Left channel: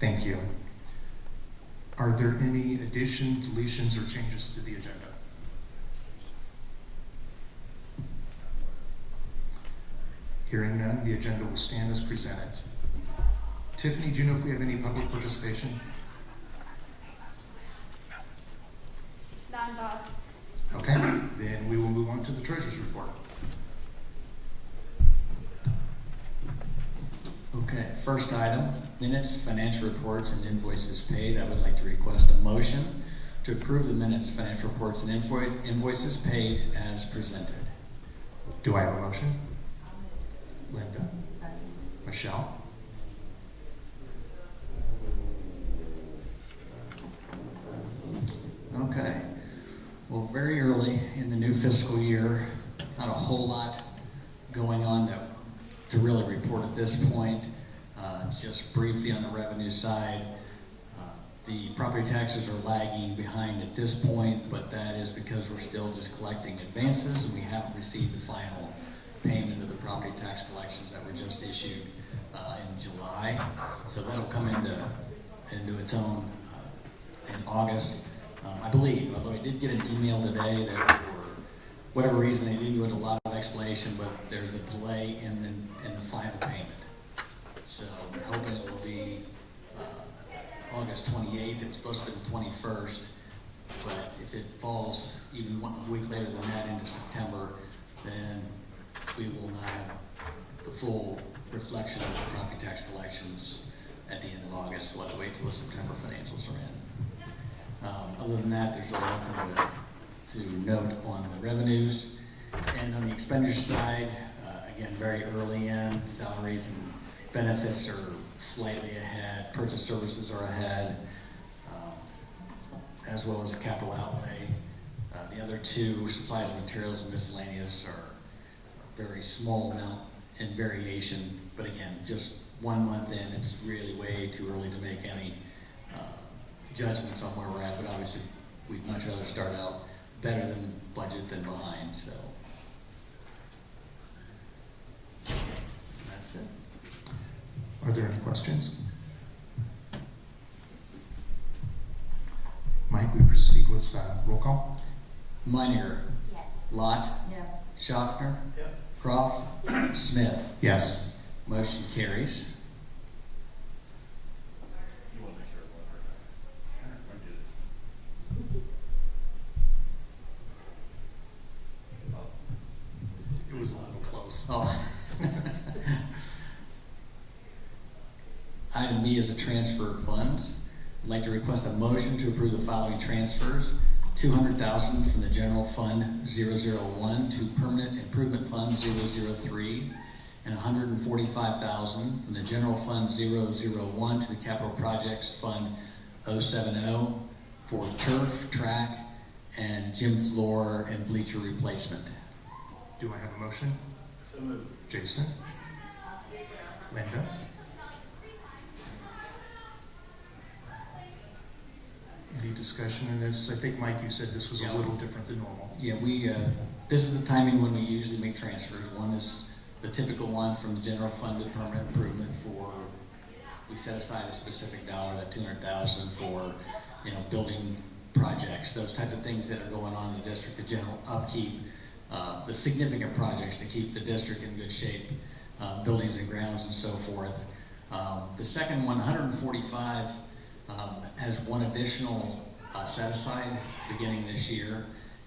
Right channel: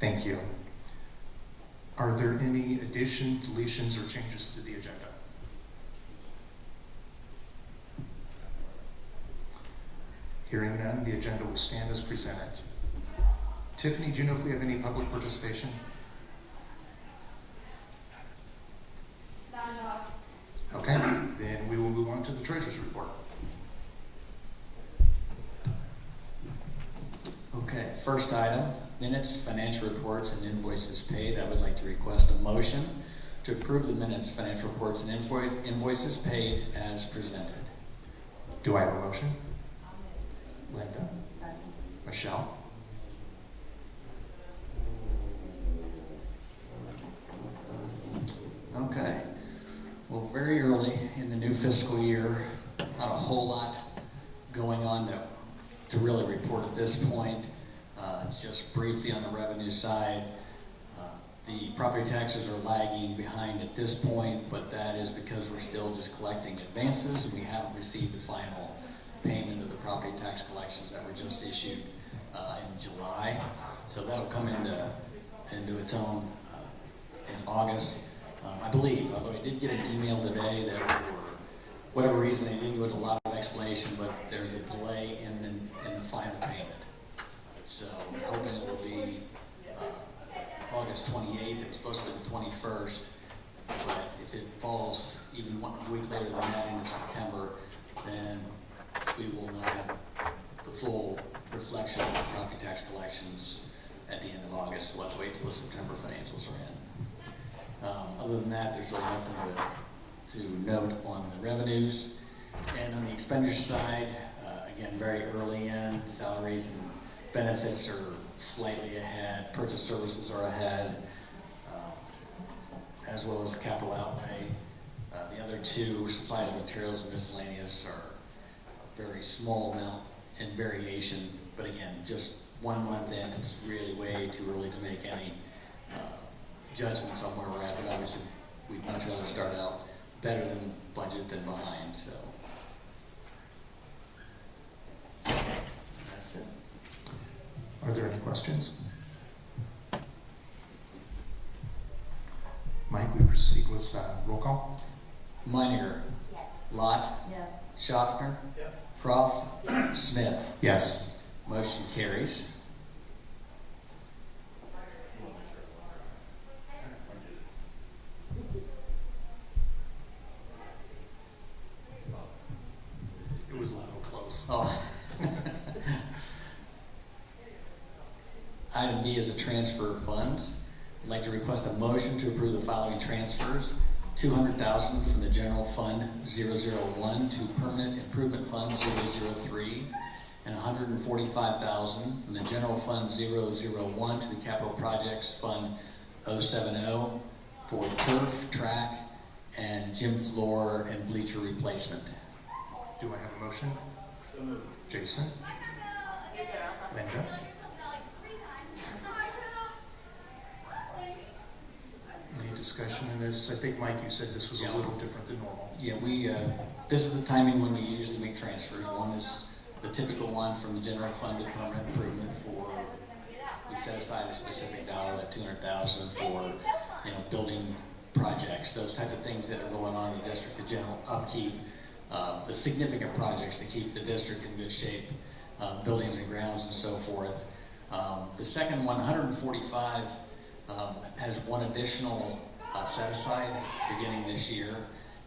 Thank you. Are there any additions, deletions, or changes to the agenda? Hearing none, the agenda will stand as presented. Tiffany, do you know if we have any public participation? None, Bob. Okay, then we will move on to the treasurer's report. Okay, first item, minutes, financial reports, and invoices paid. I would like to request a motion to approve the minutes, financial reports, and invoices paid as presented. Do I have a motion? Linda? Michelle? Okay, well, very early in the new fiscal year, not a whole lot going on to really report at this point. Just briefly on the revenue side, the property taxes are lagging behind at this point, but that is because we're still just collecting advances and we haven't received the final payment of the property tax collections that were just issued in July. So that'll come into its own in August, I believe, although I did get an email today that for whatever reason they didn't go into a lot of explanation, but there's a delay in the final payment. So we're hoping it will be August 28th. It was supposed to be the 21st, but if it falls even 1 week later than that into September, then we will not have the full reflection of the property tax collections at the end of August. We'll have to wait till the September financials are in. Other than that, there's really nothing to note on the revenues. And on the expenditure side, again, very early in, salaries and benefits are slightly ahead, purchase services are ahead, as well as capital outlay. The other two, supplies and materials and miscellaneous, are very small amount in variation, but again, just 1 month in, it's really way too early to make any judgments on where we're at, but obviously we'd much rather start out better than budget than behind, so that's it. Are there any questions? Mike, we proceed with roll call. Meininger. Yes. Lott. Yes. Schaffner. Yes. Croft. Smith. Yes. Motion carries. You want to make sure It was a little close. Oh. Item B is a transfer of funds. I'd like to request a motion to approve the following transfers. $200,000 from the General Fund 001 to Permanent Improvement Fund 003, and $145,000 from the General Fund 001 to the Capital Projects Fund 070 for turf, track, and gym floor and bleacher replacement. Do I have a motion? So moved. Jason? Linda? Any discussion in this? I think, Mike, you said this was a little different than normal. Yeah, this is the timing when we usually make transfers. One is the typical one from the general fund to permanent improvement we set aside a specific dollar, that $200,000 for, building projects, those types of things that are going on in the district, the general upkeep, the significant projects to keep the district in good shape, buildings and grounds and so forth. The second one, 145, has one additional set aside beginning this year,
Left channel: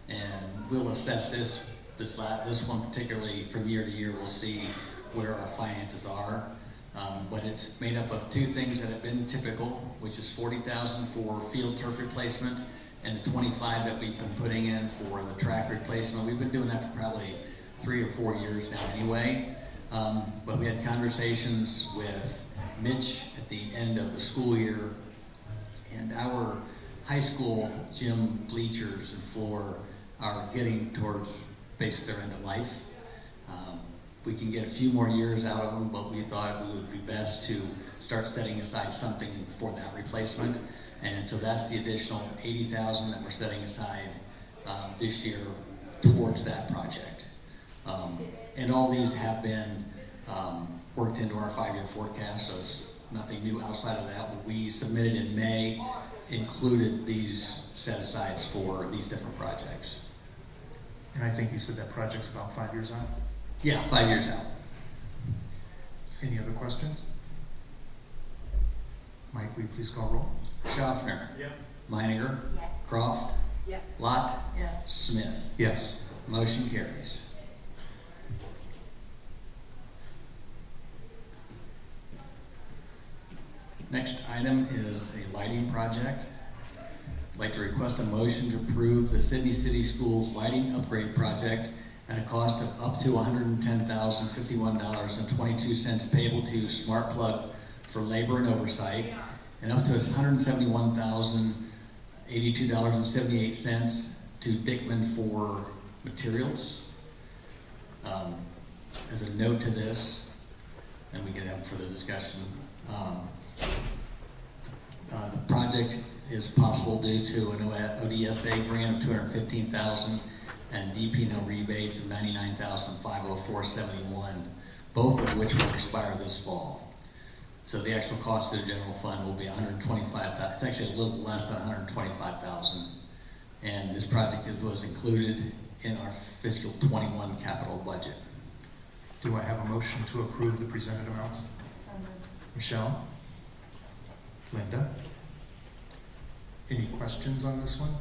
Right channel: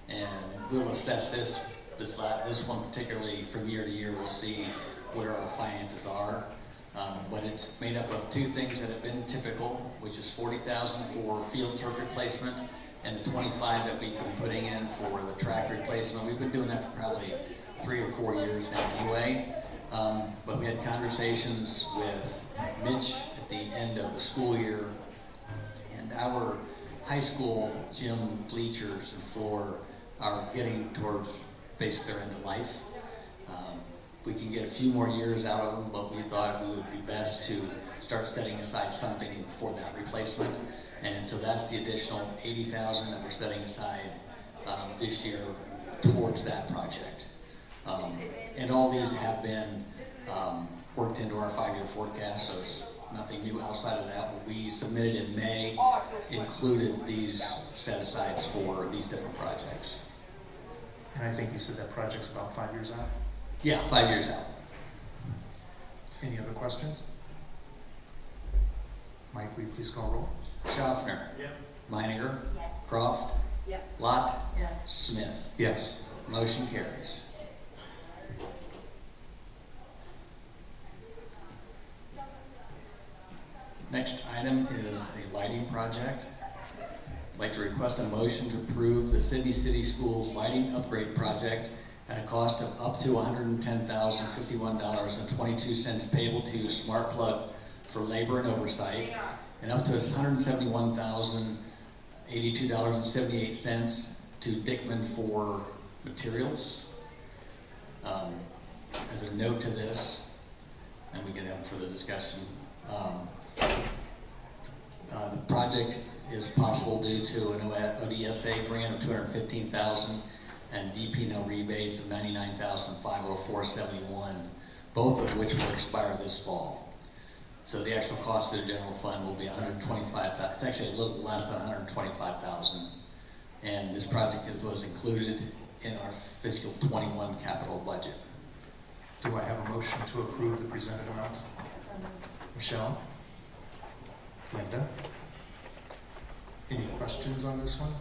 and we'll assess this one particularly from year to year. We'll see where our finances are, but it's made up of two things that have been typical, which is $40,000 for field turf replacement and the $25,000 that we've been putting in for the track replacement. We've been doing that for probably 3 or 4 years now anyway, but we had conversations with Mitch at the end of the school year, and our high school gym bleachers and floor are getting towards basically their end of life. We can get a few more years out of them, but we thought it would be best to start setting aside something for that replacement. And so that's the additional $80,000 that we're setting aside this year towards that project. And all these have been worked into our 5-year forecast, so it's nothing new outside of that. What we submitted in May included these set-asides for these different projects. And I think you said that project's about 5 years out. Yeah, 5 years out. Any other questions? Mike, will you please call roll? Schaffner. Yep. Meininger. Yes. Croft. Yes. Lot. Yes. Smith. Yes. Motion carries. Next item is a lighting project. I'd like to request a motion to approve the Sidney City Schools lighting upgrade project at a cost of up to $110,051.22 payable to Smart Plug for labor and oversight, and up to $171,082.78 to Dickman for materials. As a note to this, and we can have further discussion, the project is possible due to an ODSA grant of $215,000 and DPNO rebates of $99,504.71, both of which will expire this fall. So the actual cost to the general fund will be $125,000. It's actually a little less than $125,000. And this project was included in our fiscal 21 capital budget. Do I have a motion to approve the presented amounts? Michelle? Linda? Any questions on this one?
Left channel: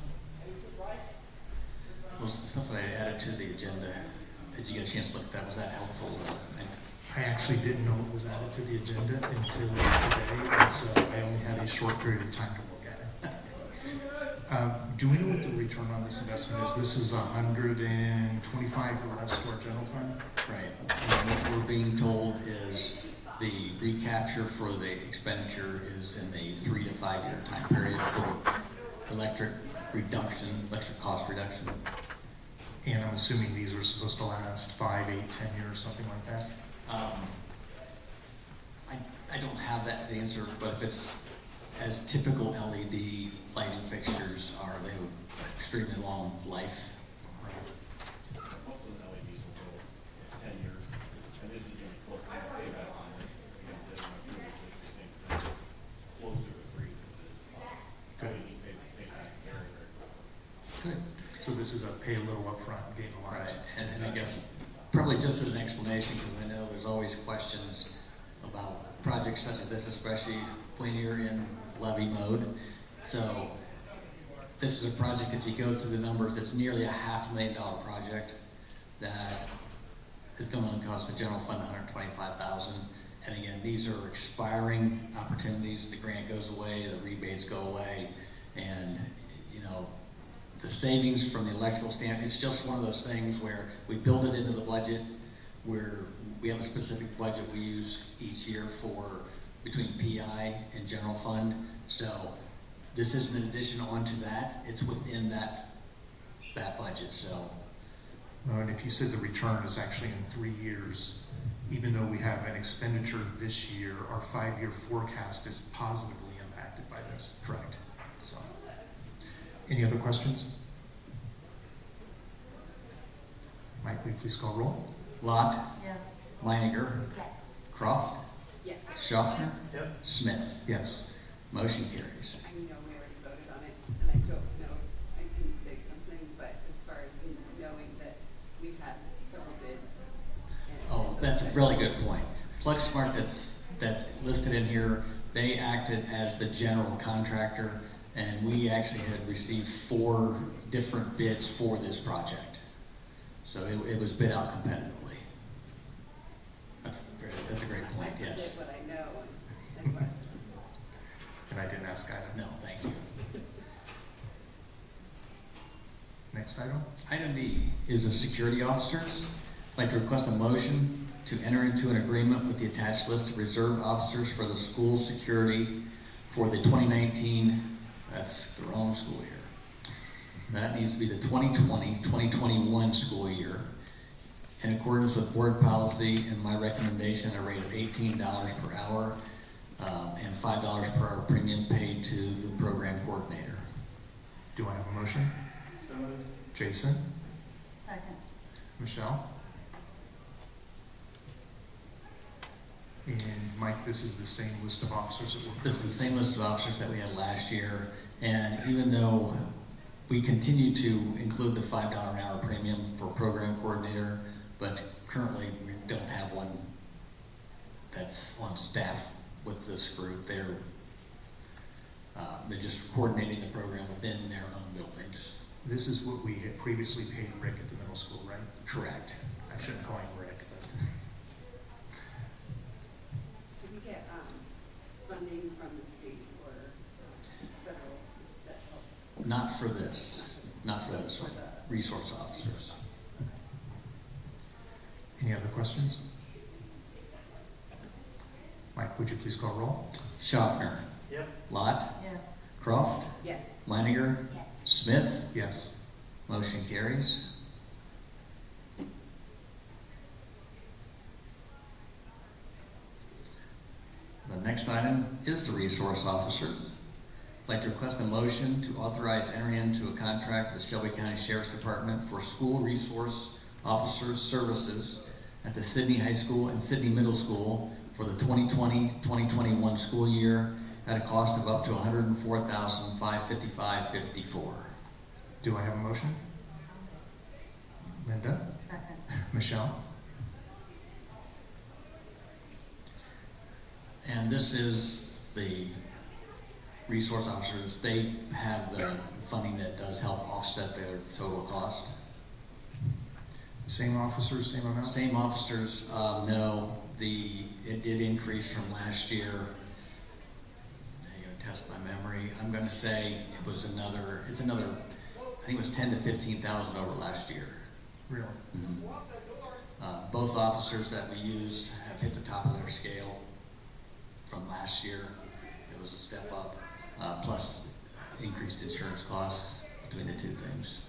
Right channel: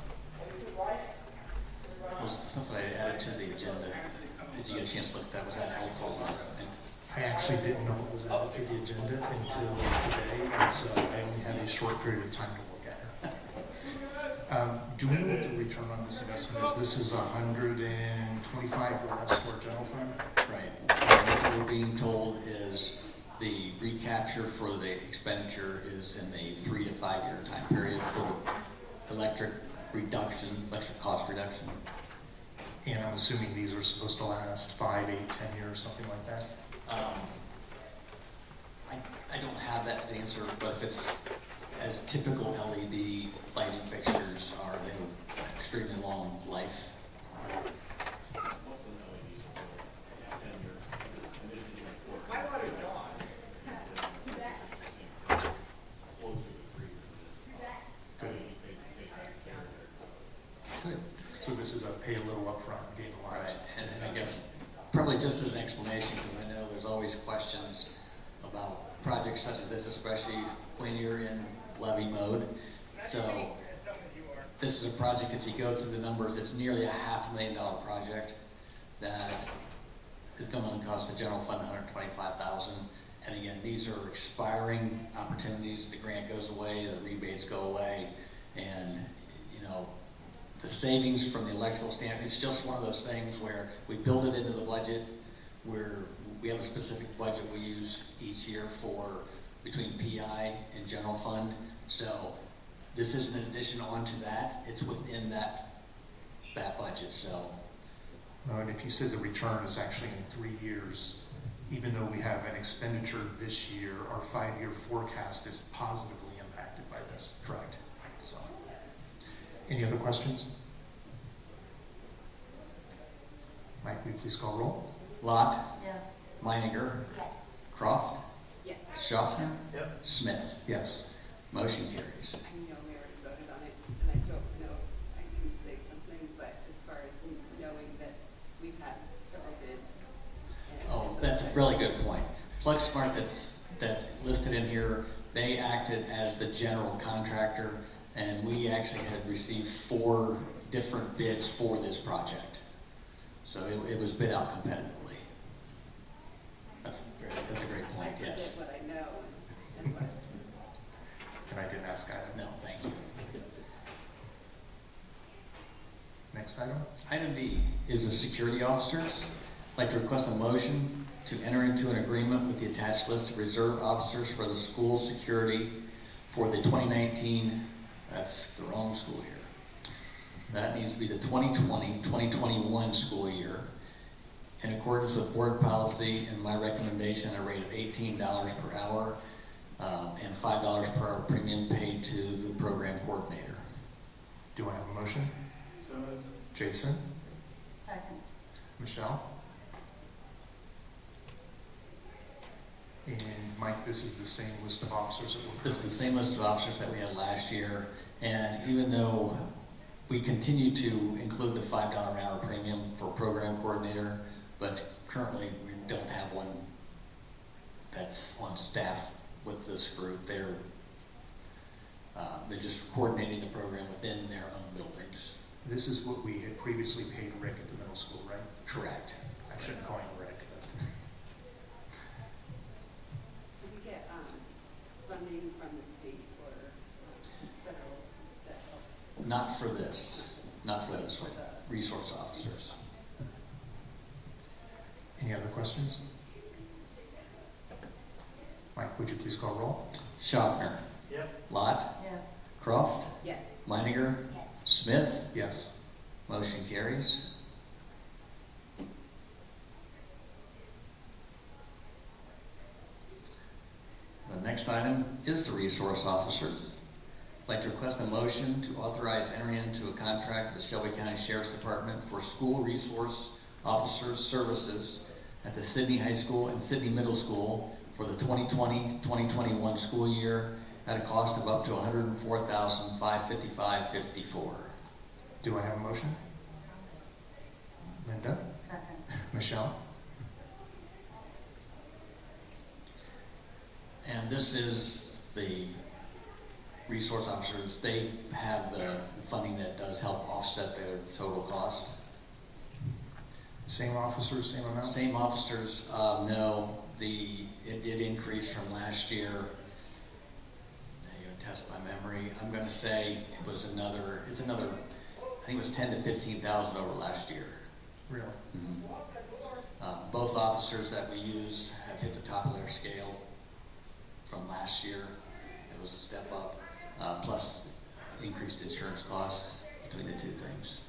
Was the stuff that I added to the agenda, did you get a chance to look at that? Was that helpful? I actually didn't know it was added to the agenda until today, and so I only had a short period of time to look at it. Do we know what the return on this investment is? This is 125 or less for our general fund? Right. And what we're being told is the recapture for the expenditure is in a 3 to 5 year time period for the electric cost reduction. And I'm assuming these are supposed to last 5, 8, 10 years, something like that? I don't have that answer, but if it's as typical LED lighting fixtures are, they have extremely long life. Most of the LEDs will go 10 years, and this is even closer to payback time. Closer to 3 than Good. LED payback very, very quick. Good. So this is a pay a little upfront, gain a lot. Right, and I guess probably just as an explanation, because I know there's always questions about projects such as this, especially when you're in levy mode. So this is a project, if you go through the numbers, it's nearly a $500,000 project that is going to cost the general fund $125,000. And again, these are expiring opportunities. The grant goes away, the rebates go away, and the savings from the electrical standpoint, it's just one of those things where we build it into the budget, where we have a specific budget we use each year for between PI and general fund. So this isn't an addition onto that, it's within that budget. So And if you said the return is actually in 3 years, even though we have an expenditure this year, our 5-year forecast is positively impacted by this. correct. So, any other questions? Mike, will you please call roll? Lot. Yes. Meininger. Yes. Croft. Yes. Schaffner. Yep. Smith. Yes. Motion carries. I know we already voted on it, and I don't know if I can say something, but as far as knowing that we've had several bids. Oh, that's a really good point. Plug Smart that's listed in here, they acted as the general contractor, and we actually had received 4 different bids for this project. So it was bid out competitively. That's a great point, I forget yes. what I know and what. And I didn't ask either. No, thank you. Next item? Item D is the security officers. I'd like to request a motion to enter into an agreement with the attached list of reserve officers for the school security for the 2019, that's the wrong school year. That needs to be the 2020-2021 school year, in accordance with board policy and my recommendation, a rate of $18 per hour and $5 per hour premium paid to the program coordinator. Do I have a motion? So moved. Jason? Second. Michelle? And Mike, this is the same list of officers that were. This is the same list of officers that we had last year, and even though we continue to include the $5 an hour premium for program coordinator, but currently we don't have one that's on staff with this group. They're just coordinating the program within their own buildings. This is what we had previously paid Rick at the middle school, right? Correct. I shouldn't call him Rick, but. Do we get funding from the state or federal that helps? Not for this, or resource officers. Any other questions? Mike, would you please call roll? Schaffner. Yep. Lott. Yes. Croft. Yes. Leininger. Yes. Smith. Yes. Motion carries. The next item is the resource officers. I'd like to request a motion to authorize entering into a contract with Shelby County Sheriff's Department for school resource officers services at the Sidney High School and Sidney Middle School for the 2020-2021 school year at a cost of up to $104,555.54. Do I have a motion? Linda? Second. Michelle? And this is the resource officers. They have the funding that does help offset their total cost. Same officers, same amount? Same officers, no. It did increase from last year. Now you're gonna test my memory. I'm gonna say it's another, I think it was 10 to 15,000 over last year. Really? Mm-hmm. Both officers that we used have hit the top of their scale from last year. It was a step up, plus increased insurance costs between the two things.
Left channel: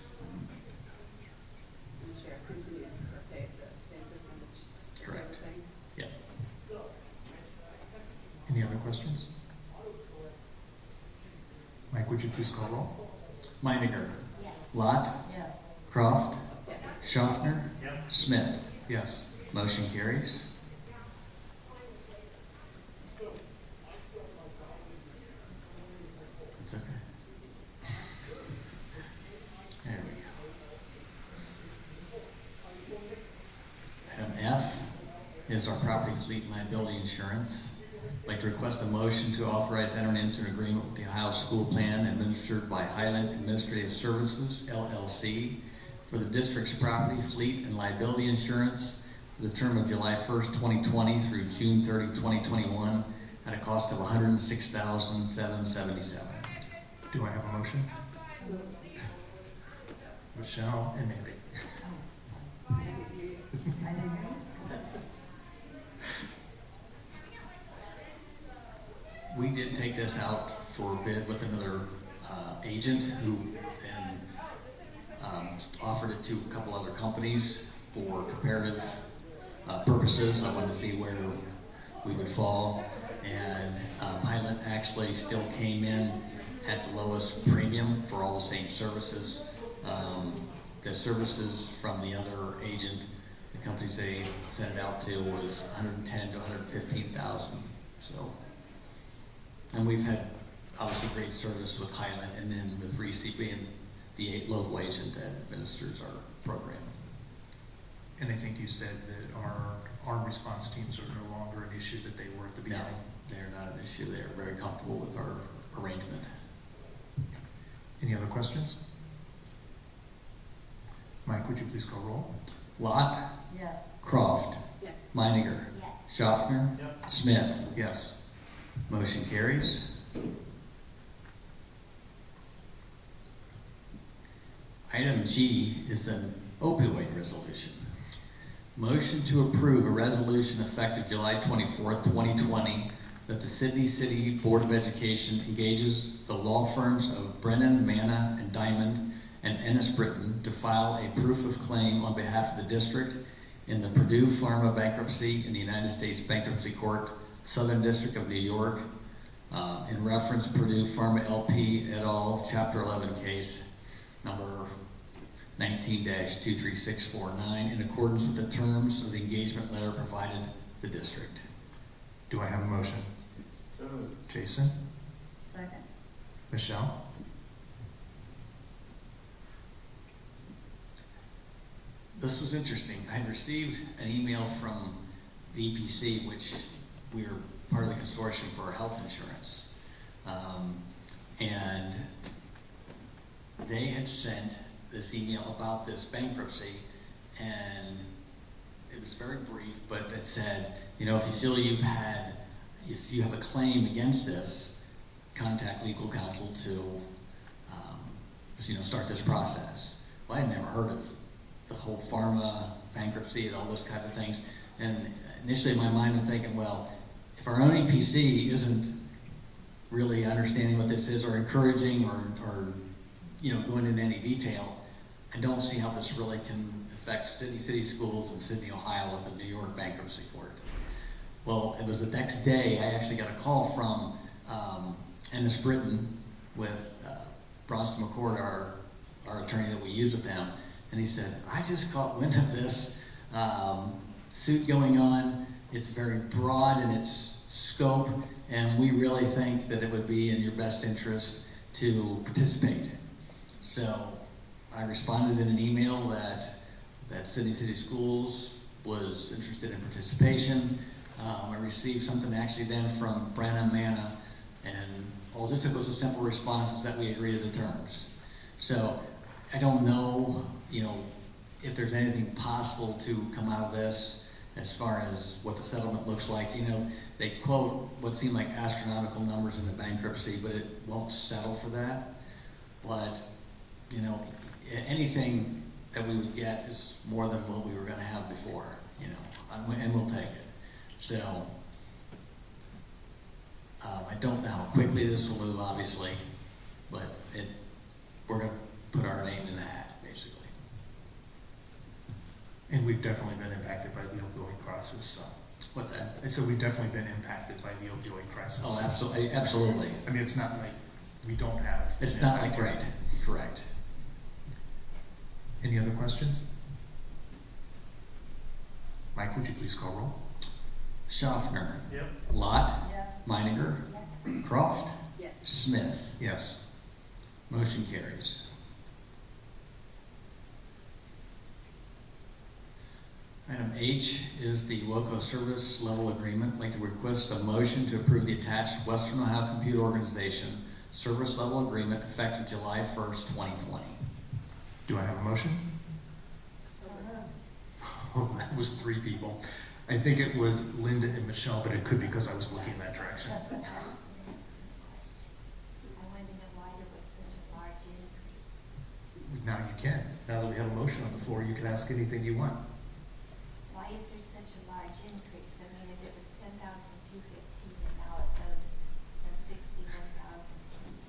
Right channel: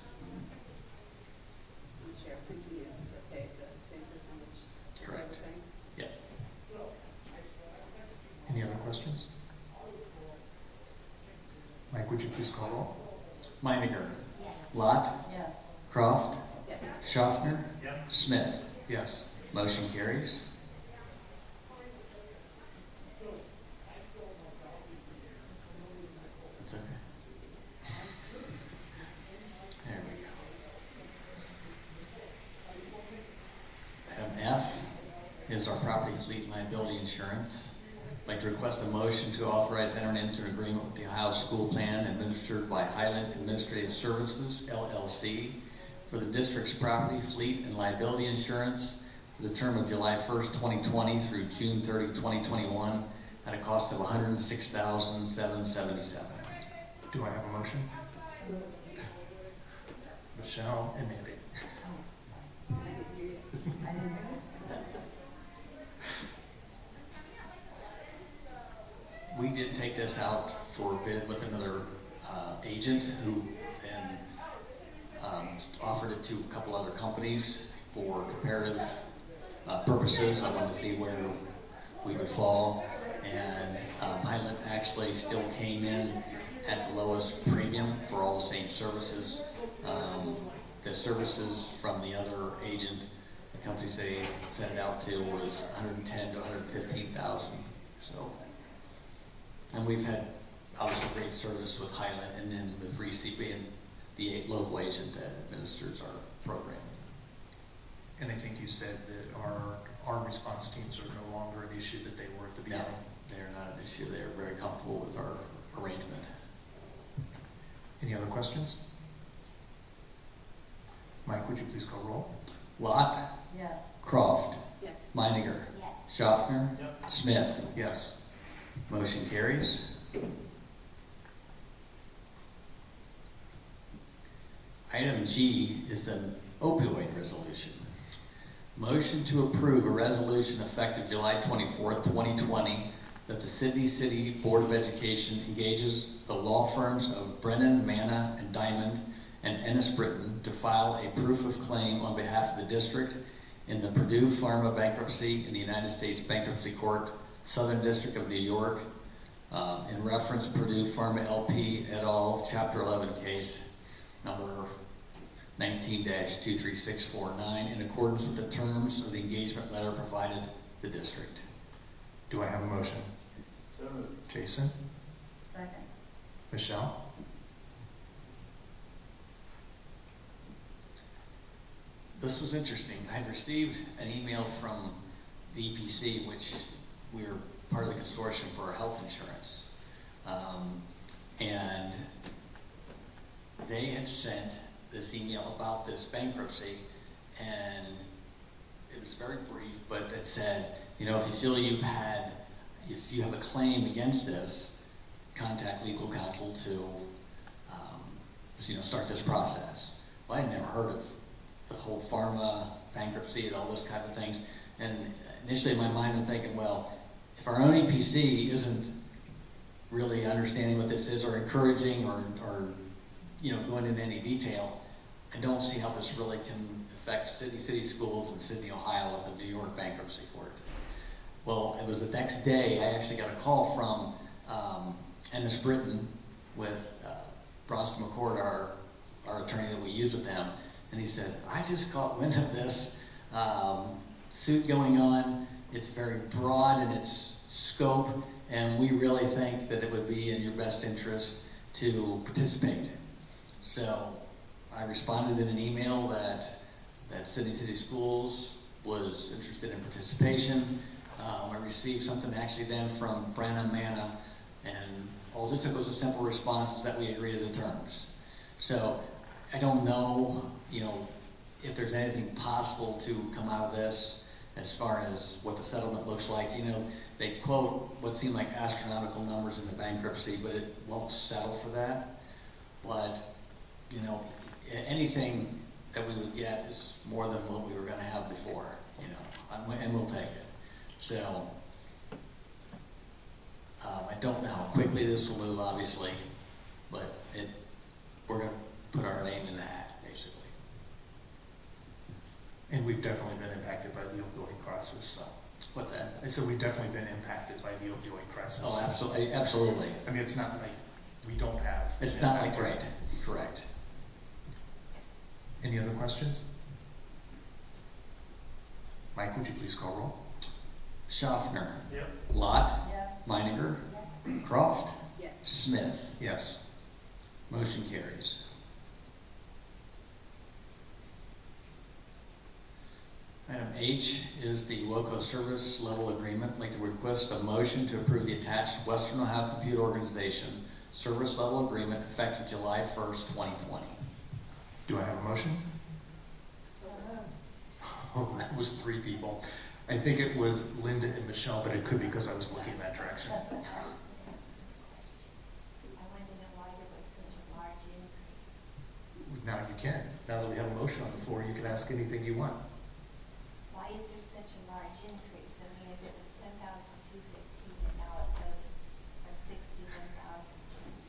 The sheriff continues to pay the same percentage. as Correct. everything. Yep. Any other questions? Mike, would you please call roll? Meininger. Yes. Lott. Yes. Croft. Yes. Schaffner. Yep. Smith. Yes. Motion carries. That's okay. There we go. Item F is our property fleet and liability insurance. I'd like to request a motion to authorize entering into an agreement with the Ohio School Plan administered by Highland Administrative Services, LLC, for the district's property, fleet, and liability insurance for the term of July 1st, 2020 through June 30, 2021 at a cost of $106,777. Do I have a motion? Michelle and Andy. I didn't hear you. I didn't hear you. We did take this out for bid with another agent who then offered it to a couple other companies for comparative purposes. I wanted to see where we would fall, and Highland actually still came in at the lowest premium for all the same services. The services from the other agent, the companies they sent it out to, was $110,000 to $115,000. So, and we've had obviously great service with Highland, and then with Reese being the local agent that administers our program. And I think you said that our armed response teams are no longer an issue that they were at the No, beginning. they're not an issue. They're very comfortable with our arrangement. Any other questions? Mike, would you please call roll? Lott. Yes. Croft. Yes. Meininger. Yes. Schaffner. Yep. Smith. Yes. Motion carries. Item G is an opioid resolution. Motion to approve a resolution effective July 24th, 2020, that the Sidney City Board of Education engages the law firms of Brennan, Manna, and Diamond and Ennis Britton to file a proof of claim on behalf of the district in the Purdue Pharma bankruptcy in the United States Bankruptcy Court, Southern District of New York, in reference Purdue Pharma LP et al. Chapter 11 case number 19-23649 in accordance with the terms of the engagement letter provided the district. Do I have a motion? So moved. Jason? Second. Michelle? This was interesting. I had received an email from the EPC, which we're part of the consortium for health insurance. And they had sent this email about this bankruptcy, and it was very brief, but it said, you know, if you feel if you have a claim against this, contact legal counsel to, start this process. Well, I had never heard of the whole pharma bankruptcy and all those kind of things. And initially in my mind, I'm thinking, well, if our own EPC isn't really understanding what this is or encouraging or going into any detail, I don't see how this really can affect Sidney City Schools in Sidney, Ohio with the New York bankruptcy court. Well, it was the next day I actually got a call from Ennis Britton with Bronson McCord, our attorney that we use with them, and he said, I just caught wind of this suit going on. It's very broad in its scope, and we really think that it would be in your best interest to participate. So I responded in an email that Sidney City Schools was interested in participation. I received something actually then from Branham Manna, and all it took was a simple response is that we agree to the terms. So I don't know, if there's anything possible to come out of this as far as what the settlement looks like. They quote what seem like astronomical numbers in the bankruptcy, but it won't settle for that. But, anything that we would get is more than what we were going to have before, and we'll take it. So, I don't know how quickly this will move, obviously, but we're going to put our name in the hat, basically. And we've definitely been impacted by the opioid crisis. So. What's that? I said we've definitely been impacted by the opioid crisis. Oh, absolutely. I mean, it's not like we don't have. It's not like right. Correct. Any other questions? Mike, would you please call roll? Schaffner. Yep. Lott. Yes. Meininger. Yes. Croft. Yes. Smith. Yes. Motion carries. Item H is the WOCO service level agreement. I'd like to request a motion to approve the attached Western Ohio Computer Organization service level agreement effective July 1st, 2020. Do I have a motion? Oh, that was 3 people. I think it was Linda and Michelle, but it could be because I was looking in that direction. I wanted to know why there was such a large increase. Now you can. Now that we have a motion on the floor, you can ask anything you want. Why is there such a large increase? I mean, if it was 10,215 and now it goes from 61,000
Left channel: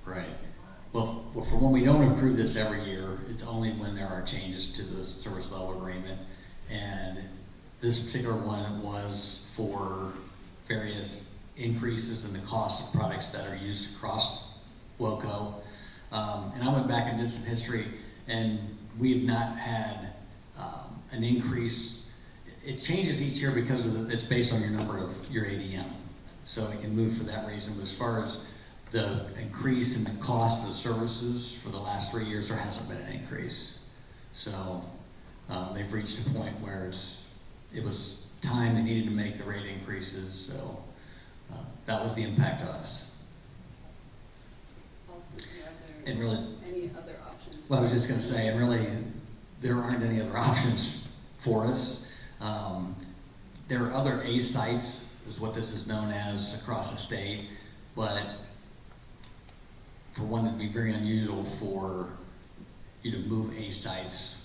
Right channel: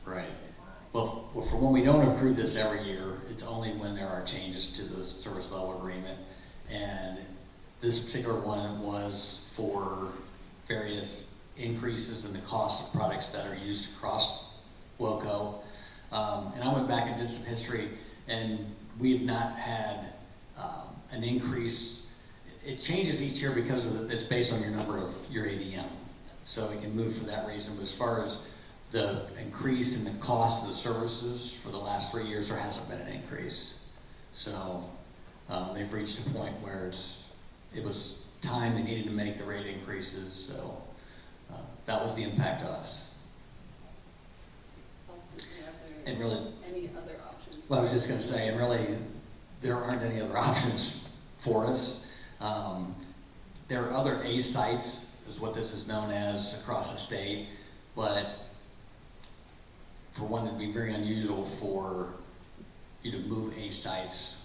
to Right. 71. Well, for when we don't approve this every year, it's only when there are changes to the service level agreement. And this particular one was for various increases in the cost of products that are used across WOCO. And I went back and did some history, and we have not had an increase. It changes each year because it's based on your number of your ADM. So it can move for that reason. But as far as the increase in the cost of the services for the last 3 years, there hasn't been an increase. So they've reached a point where it was time they needed to make the rate increases. So that was the impact to us. And really, Any other options? well, I was just going to say, and really, there aren't any other options for us. There are other ACE sites, is what this is known as, across the state, but for one, it'd be very unusual for you to move ACE sites.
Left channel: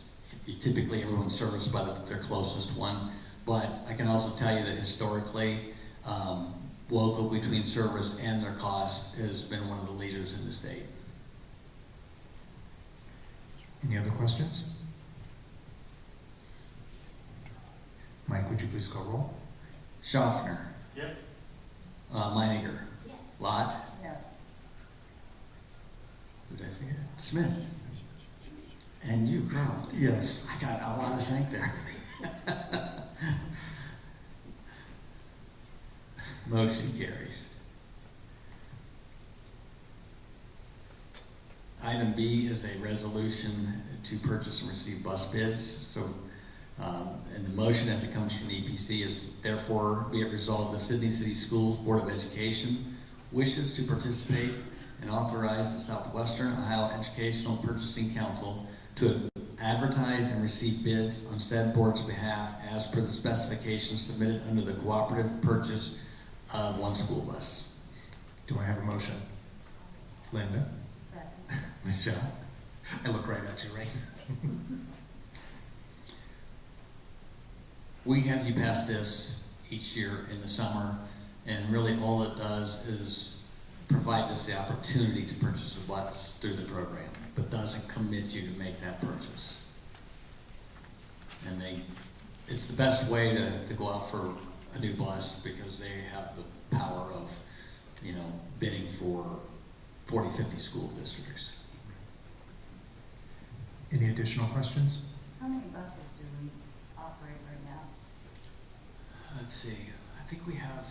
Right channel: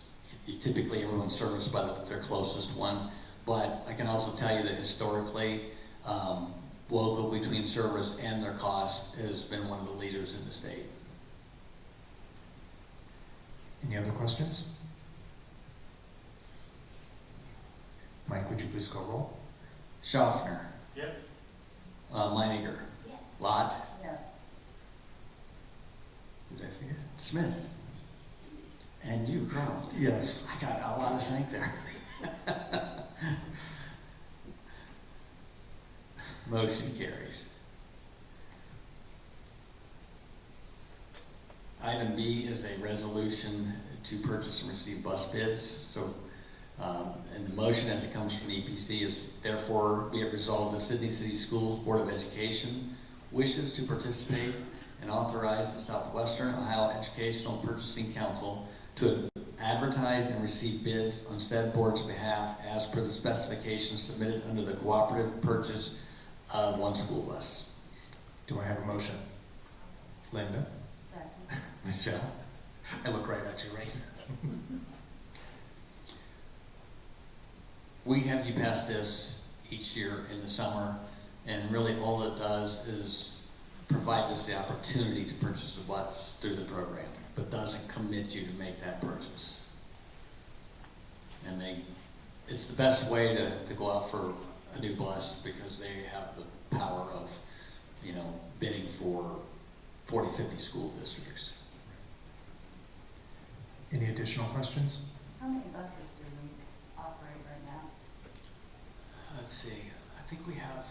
Typically, everyone's serviced by their closest one, but I can also tell you that historically, WOCO, between service and their cost, has been one of the leaders in the state. Any other questions? Mike, would you please call roll? Schaffner. Yep. Meininger. Yes. Lott. No. Who did I forget? Smith. And you, Croft. Yes. I got a lot of sync there. Motion carries. Item B is a resolution to purchase and receive bus bids. So, and the motion as it comes from the EPC is therefore be it resolved the Sidney City Schools Board of Education wishes to participate and authorize the Southwestern Ohio Educational Purchasing Council to advertise and receive bids on said board's behalf as per the specifications submitted under the cooperative purchase of one school bus. Do I have a motion? Linda? Second. Michelle? I look right at you, right? We have you pass this each year in the summer, and really all it does is provides us the opportunity to purchase a bus through the program, but doesn't commit you to make that purchase. And it's the best way to go out for a new bus because they have the power of, bidding for 40, 50 school districts. Any additional questions? How many buses do we operate right now? Let's see, I think we have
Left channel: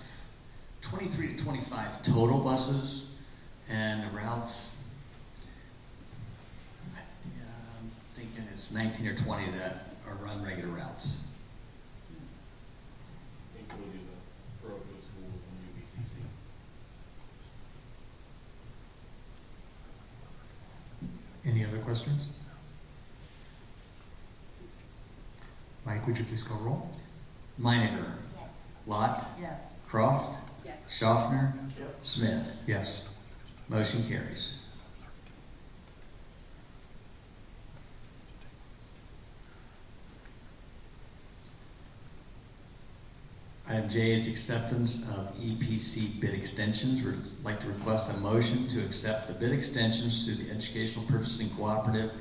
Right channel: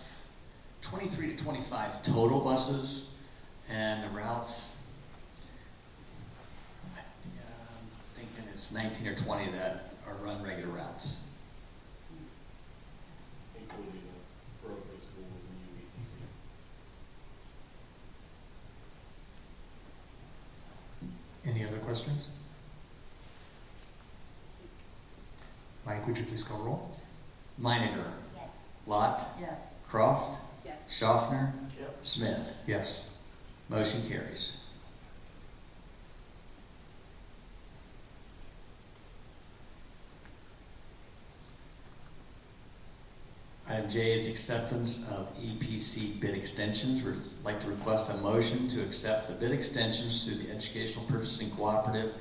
23 to 25 total buses, and the routes, I'm thinking it's 19 or 20 that are run regular routes. Including the parochial schools and UBCC. Any other questions? Mike, would you please call roll? Meininger, Yes. Lott, Yes. Croft, Yes. Schaffner, Yep. Smith. Yes. Motion carries. Item J is acceptance of EPC bid extensions. We'd like to request a motion to accept the bid extensions through the Educational Purchasing Cooperative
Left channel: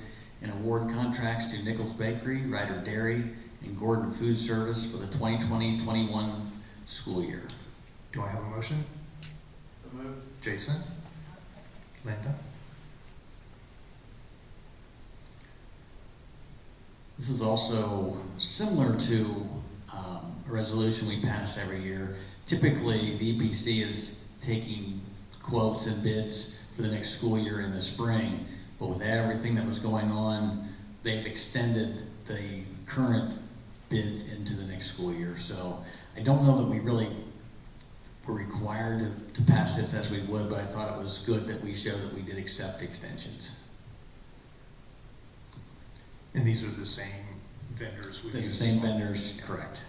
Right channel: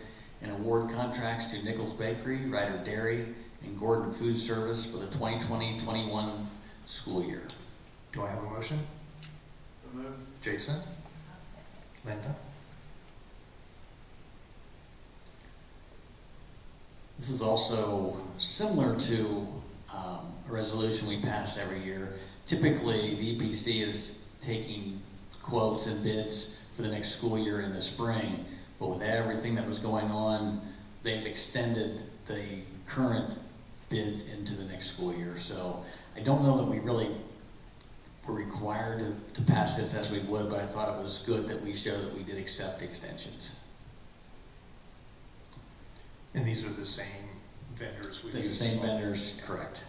and award contracts to Nichols Bakery, Ryder Dairy, and Gordon Food Service for the 2020-21 school year. Do I have a motion? So moved. Jason? I'll second. Linda? This is also similar to a resolution we pass every year. Typically, the EPC is taking quotes and bids for the next school year in the spring, but with everything that was going on, they've extended the current bids into the next school year. So I don't know that we really were required to pass this as we would, but I thought it was good that we show that we did accept extensions. And these are the same vendors we've The used. same as well? vendors, correct.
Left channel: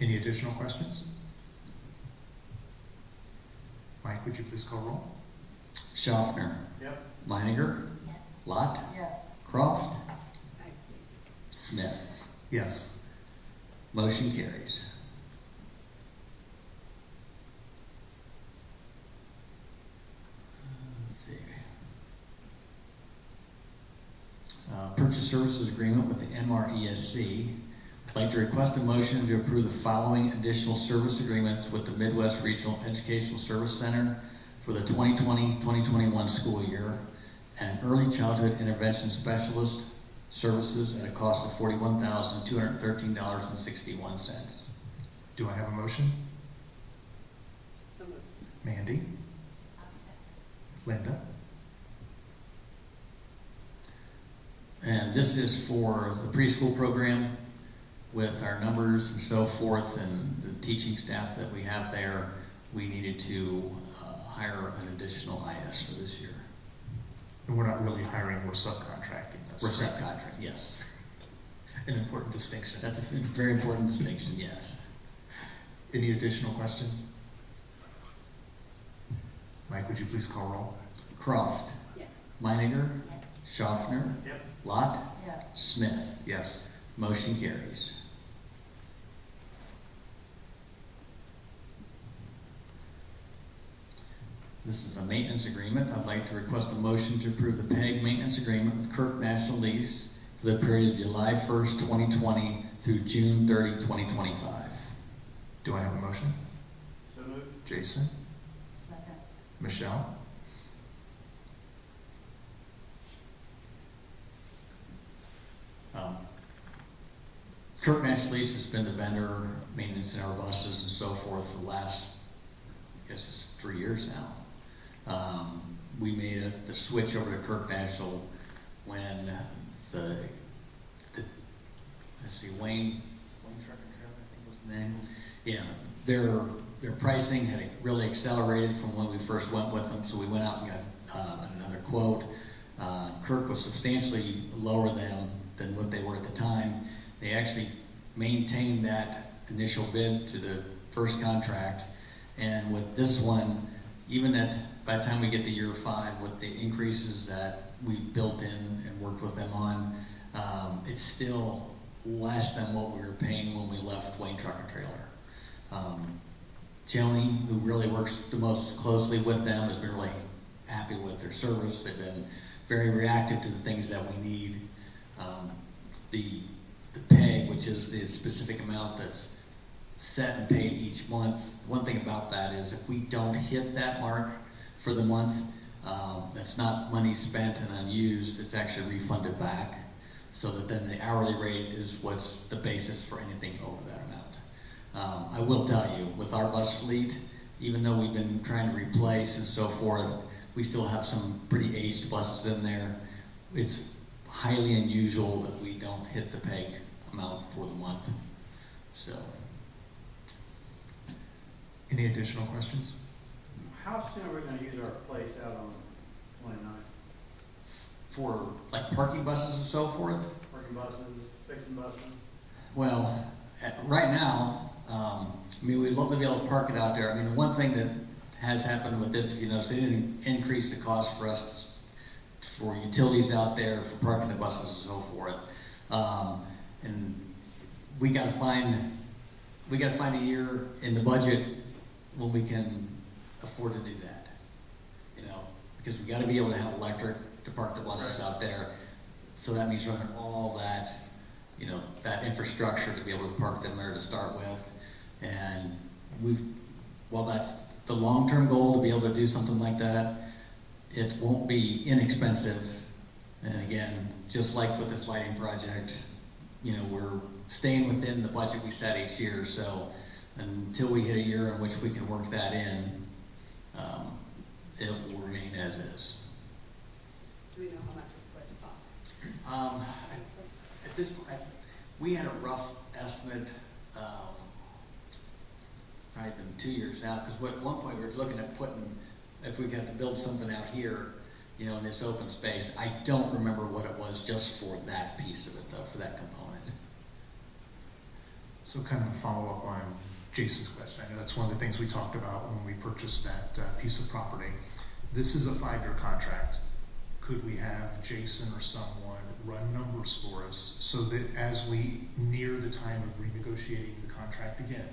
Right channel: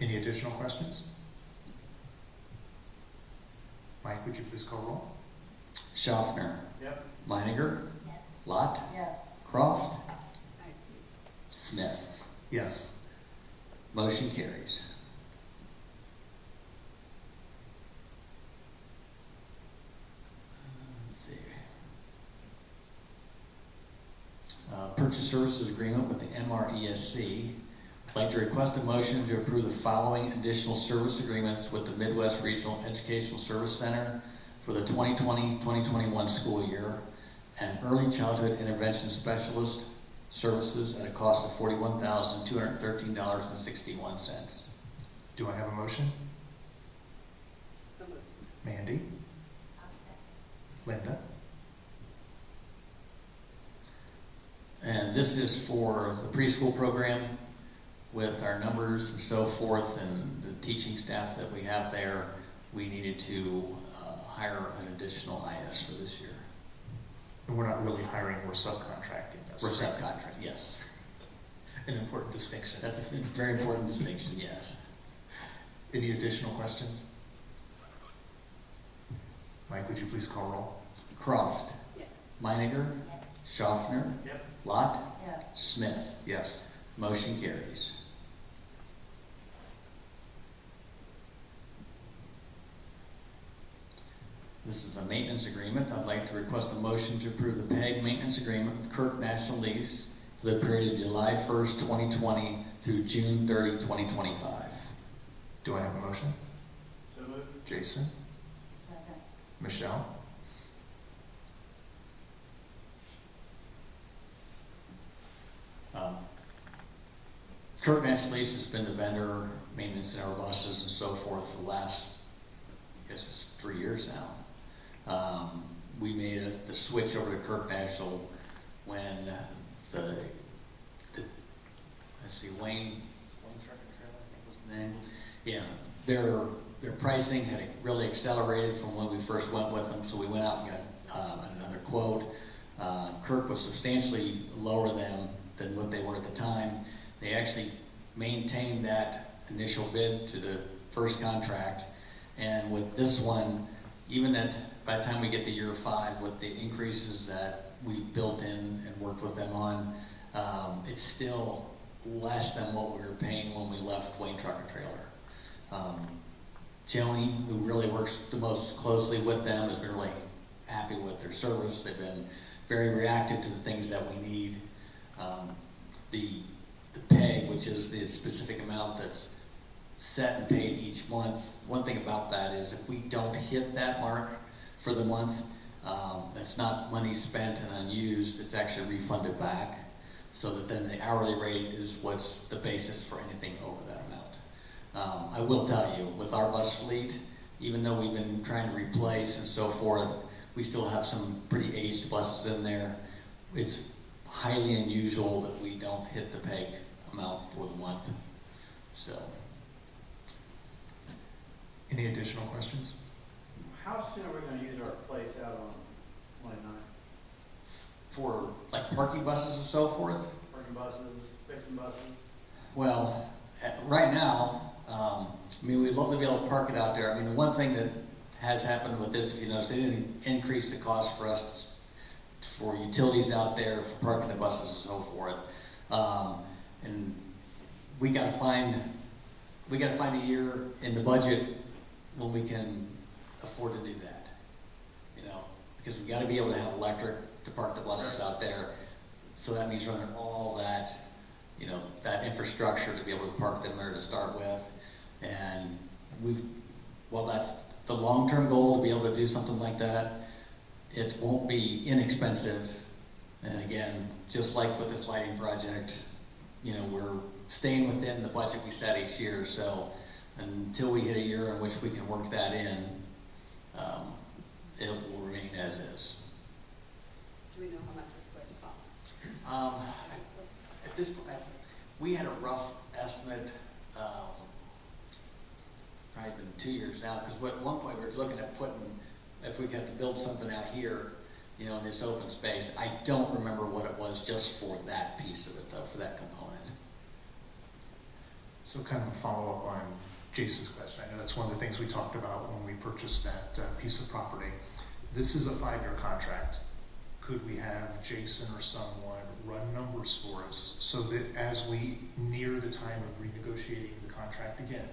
Any additional questions? Mike, would you please call roll? Schaffner, Yep. Meininger, Yes. Lott, Yes. Croft, I see. Smith. Yes. Motion carries. Let's see. Purchase services agreement with the MRESC. I'd like to request a motion to approve the following additional service agreements with the Midwest Regional Educational Service Center for the 2020-2021 school year, and early childhood intervention specialist services at a cost of $41,213.61. Do I have a motion? So moved. Mandy? I'll second. Linda? And this is for the preschool program with our numbers and so forth and the teaching staff that we have there. We needed to hire an additional IS for this year. And we're not really hiring, we're subcontracting this. We're correct? subcontract, yes. An important distinction. That's a very important distinction, yes. Any additional questions? Mike, would you please call roll? Croft, Yes. Meininger, Yes. Schaffner, Yep. Lott, Yes. Smith. Yes. Motion carries. This is a maintenance agreement. I'd like to request a motion to approve the PEG maintenance agreement with Kirk National Lease for the period of July 1st, 2020 through June 30, 2025. Do I have a motion? So moved. Jason? Second. Michelle? Kirk Nash Lease has been the vendor, maintenance in our buses and so forth for the last, I guess it's 3 years now. We made the switch over to Kirk National when Wayne Truck and Trailer, I think was the name. Yeah, their pricing had really accelerated from when we first went with them, so we went out and got another quote. Kirk was substantially lower than what they were at the time. They actually maintained that initial bid to the first contract, and with this one, even by the time we get to year 5, with the increases that we built in and worked with them on, it's still less than what we were paying when we left Wayne Truck and Trailer. Joni, who really works the most closely with them, has been really happy with their service. They've been very reactive to the things that we need. The pay, which is the specific amount that's set and paid each month. One thing about that is if we don't hit that mark for the month, that's not money spent and unused, it's actually refunded back, so that then the hourly rate is what's the basis for anything over that amount. I will tell you, with our bus fleet, even though we've been trying to replace and so forth, we still have some pretty aged buses in there. It's highly unusual that we don't hit the peg amount for the month. So. Any additional questions? How soon are we going to use our place out on 29? For like parking buses and so forth? Parking buses, fixing buses? Well, right now, we'd love to be able to park it out there. The one thing that has happened with this, if you notice, they didn't increase the cost for us for utilities out there, for parking the buses and so forth. And we got to find a year in the budget when we can afford to do that. Because we got to be able to have electric to park the buses out there. So that means running all that, that infrastructure to be able to park them there to start with. And while that's the long-term goal to be able to do something like that, it won't be inexpensive. And again, just like with this lighting project, we're staying within the budget we set each year. So until we hit a year in which we can work that in, it will remain as is. Do we know how much it's going to cost? At this point, we had a rough estimate, probably been 2 years now, because at one point we were looking at if we had to build something out here, in this open space. I don't remember what it was just for that piece of it, though, for that component. So kind of a follow-up on Jason's question. I know that's one of the things we talked about when we purchased that piece of property. This is a 5-year contract. Could we have Jason or someone run numbers for us so that as we near the time of renegotiating the contract again,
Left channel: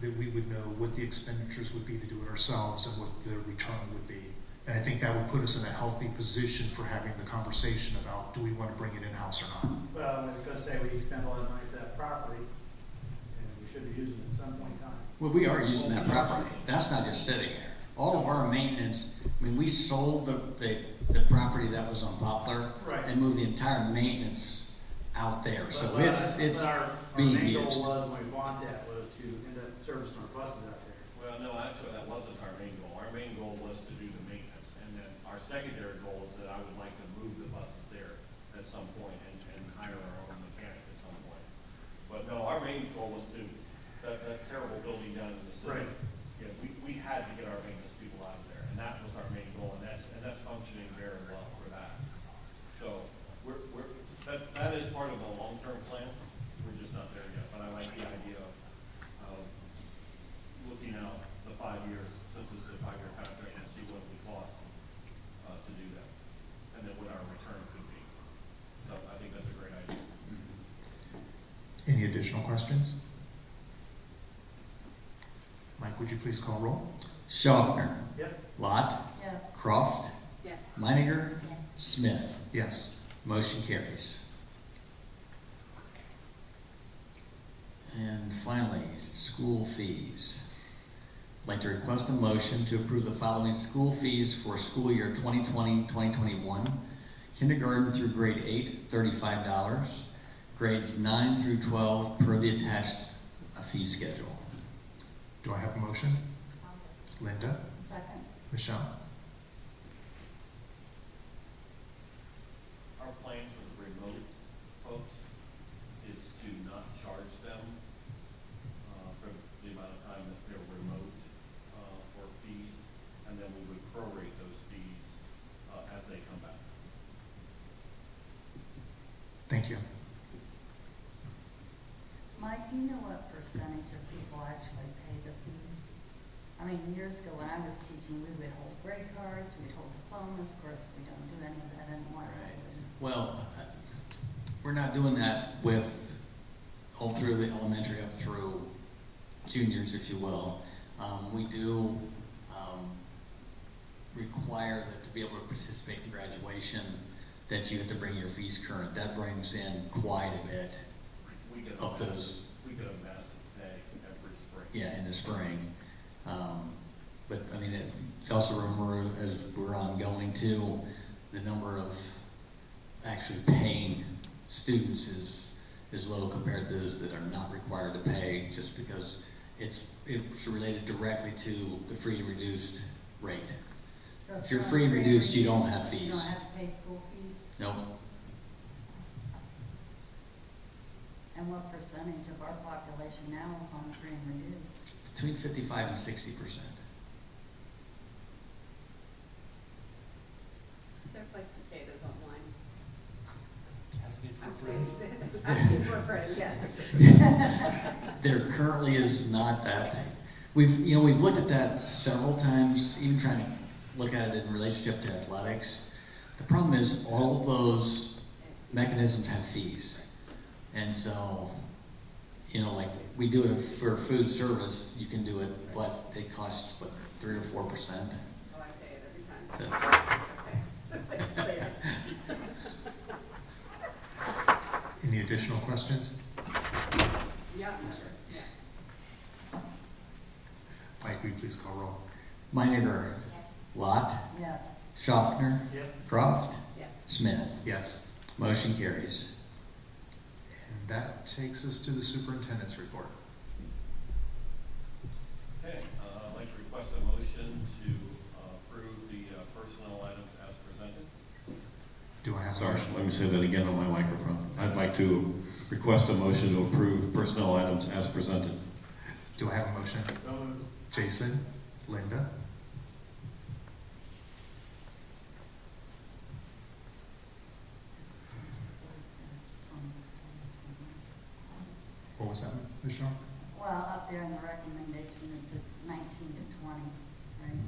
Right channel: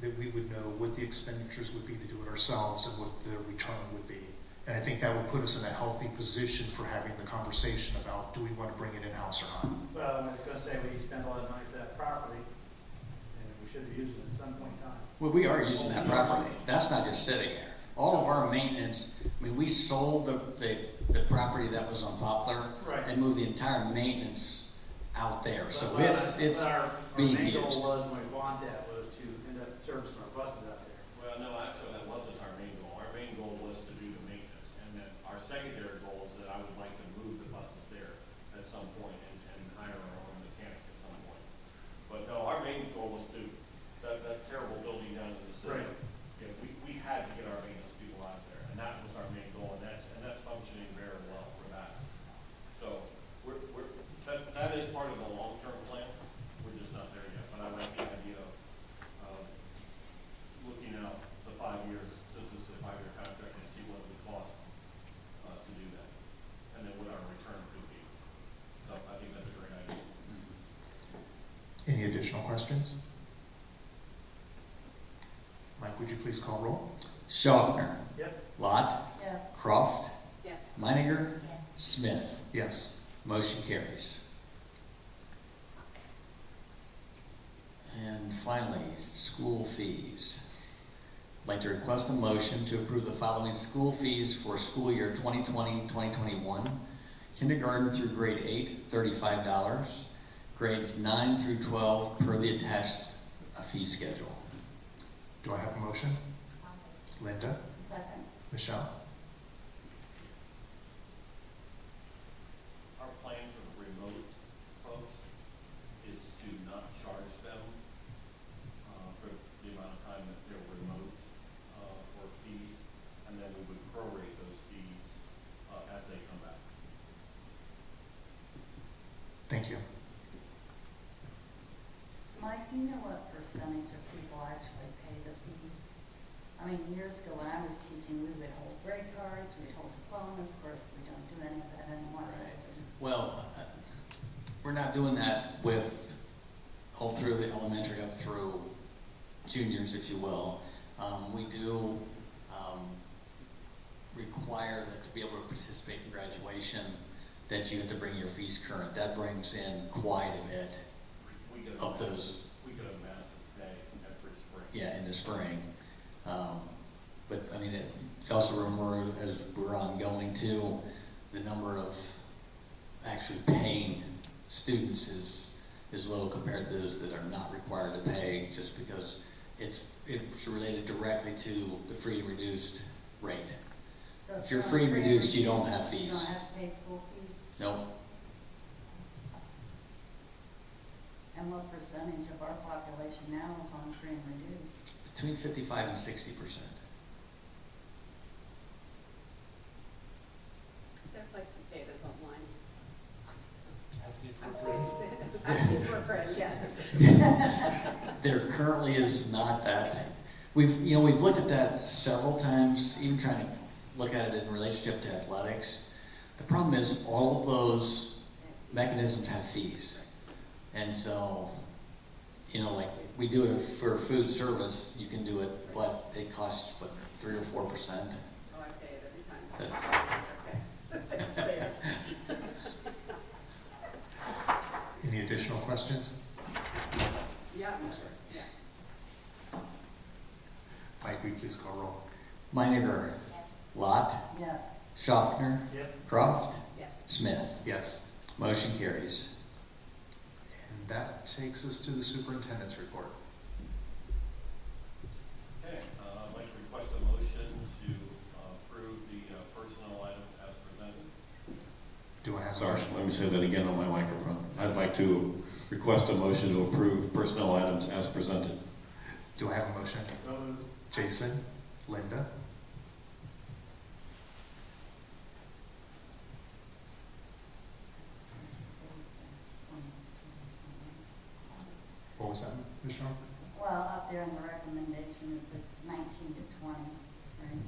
that we would know what the expenditures would be to do it ourselves and what the return would be? And I think that would put us in a healthy position for having the conversation about, do we want to bring it in-house or not? Well, I was going to say we spend a lot of money for that property, and we should be using it at some point in time. Well, we are using that property. That's not just sitting there. All of our maintenance, we sold the property that was on Poplar Right. and moved the entire maintenance out there. So But it's our being main used. goal was when we bought that was to end up servicing our buses out there. Well, no, actually, that wasn't our main goal. Our main goal was to do the maintenance, and then our secondary goal is that I would like to move the buses there at some point and hire our own mechanic at some point. But no, our main goal was to, that terrible building down in the city. Right. Yeah, we had to get our maintenance people out of there, and that was our main goal, and that's functioning very well for that. So that is part of the long-term plan. We're just not there yet, but I like the idea of looking out the 5 years, since it's a 5-year contract, and see what it would cost to do that, and then what our return could be. So I think that's a great idea. Any additional questions? Mike, would you please call roll? Schaffner, Yep. Lott, Yes. Croft, Yes. Meininger, Yes. Smith. Yes. Motion carries. And finally, school fees. I'd like to request a motion to approve the following school fees for school year 2020-2021. Kindergarten through grade 8, $35. grades 9 through 12 per the attached fee schedule. Do I have a motion? Linda? Second. Michelle? Our plan for the remote folks is to not charge them for the amount of time that they're remote for fees, and then we would prorate those fees as they come back. Thank you. Mike, do you know what percentage of people actually pay the fees? I mean, years ago when I was teaching, we would hold grade cards, we'd hold diplomas. Of course, we don't do any of that anymore. Well, we're not doing that with all through the elementary up through juniors, if you will. We do require that to be able to participate in graduation, that you have to bring your fees current. That brings in quite a bit We get of those. We get a massive pay every spring. Yeah, in the spring. But I mean, also remember as we're ongoing too, the number of actually paying students is low compared to those that are not required to pay, just because it's related directly to the free and reduced rate. So If you're not free and reduced, you don't reduced, have You fees. don't have to pay school fees? Nope. And what percentage of our population now is on free and reduced? Between 55 and 60%. Is there a place to pay this online? Asking for a friend, yes. There currently is not that. We've looked at that several times, even trying to look at it in relationship to athletics. The problem is all of those mechanisms have fees. And so, like we do it for food service, you can do it, but it costs, 3 or 4%? Oh, I pay it every time. That's, Okay. Any additional questions? Yeah, sure, yeah. Mike, will you please call roll? Meininger, Yes. Lot, Yes. Schaffner, Yep. Croft, Yes. Smith. Yes. Motion carries. And that takes us to the superintendent's report. Okay, I'd like to request a motion to approve the personnel items as presented. Do I have a Sorry, motion? let me say that again on my microphone. I'd like to request a motion to approve personnel items as presented. Do I have a motion? So moved. Jason? Linda? What was that, Michelle? Well, up there in the recommendation, it's at 19 to 20, right?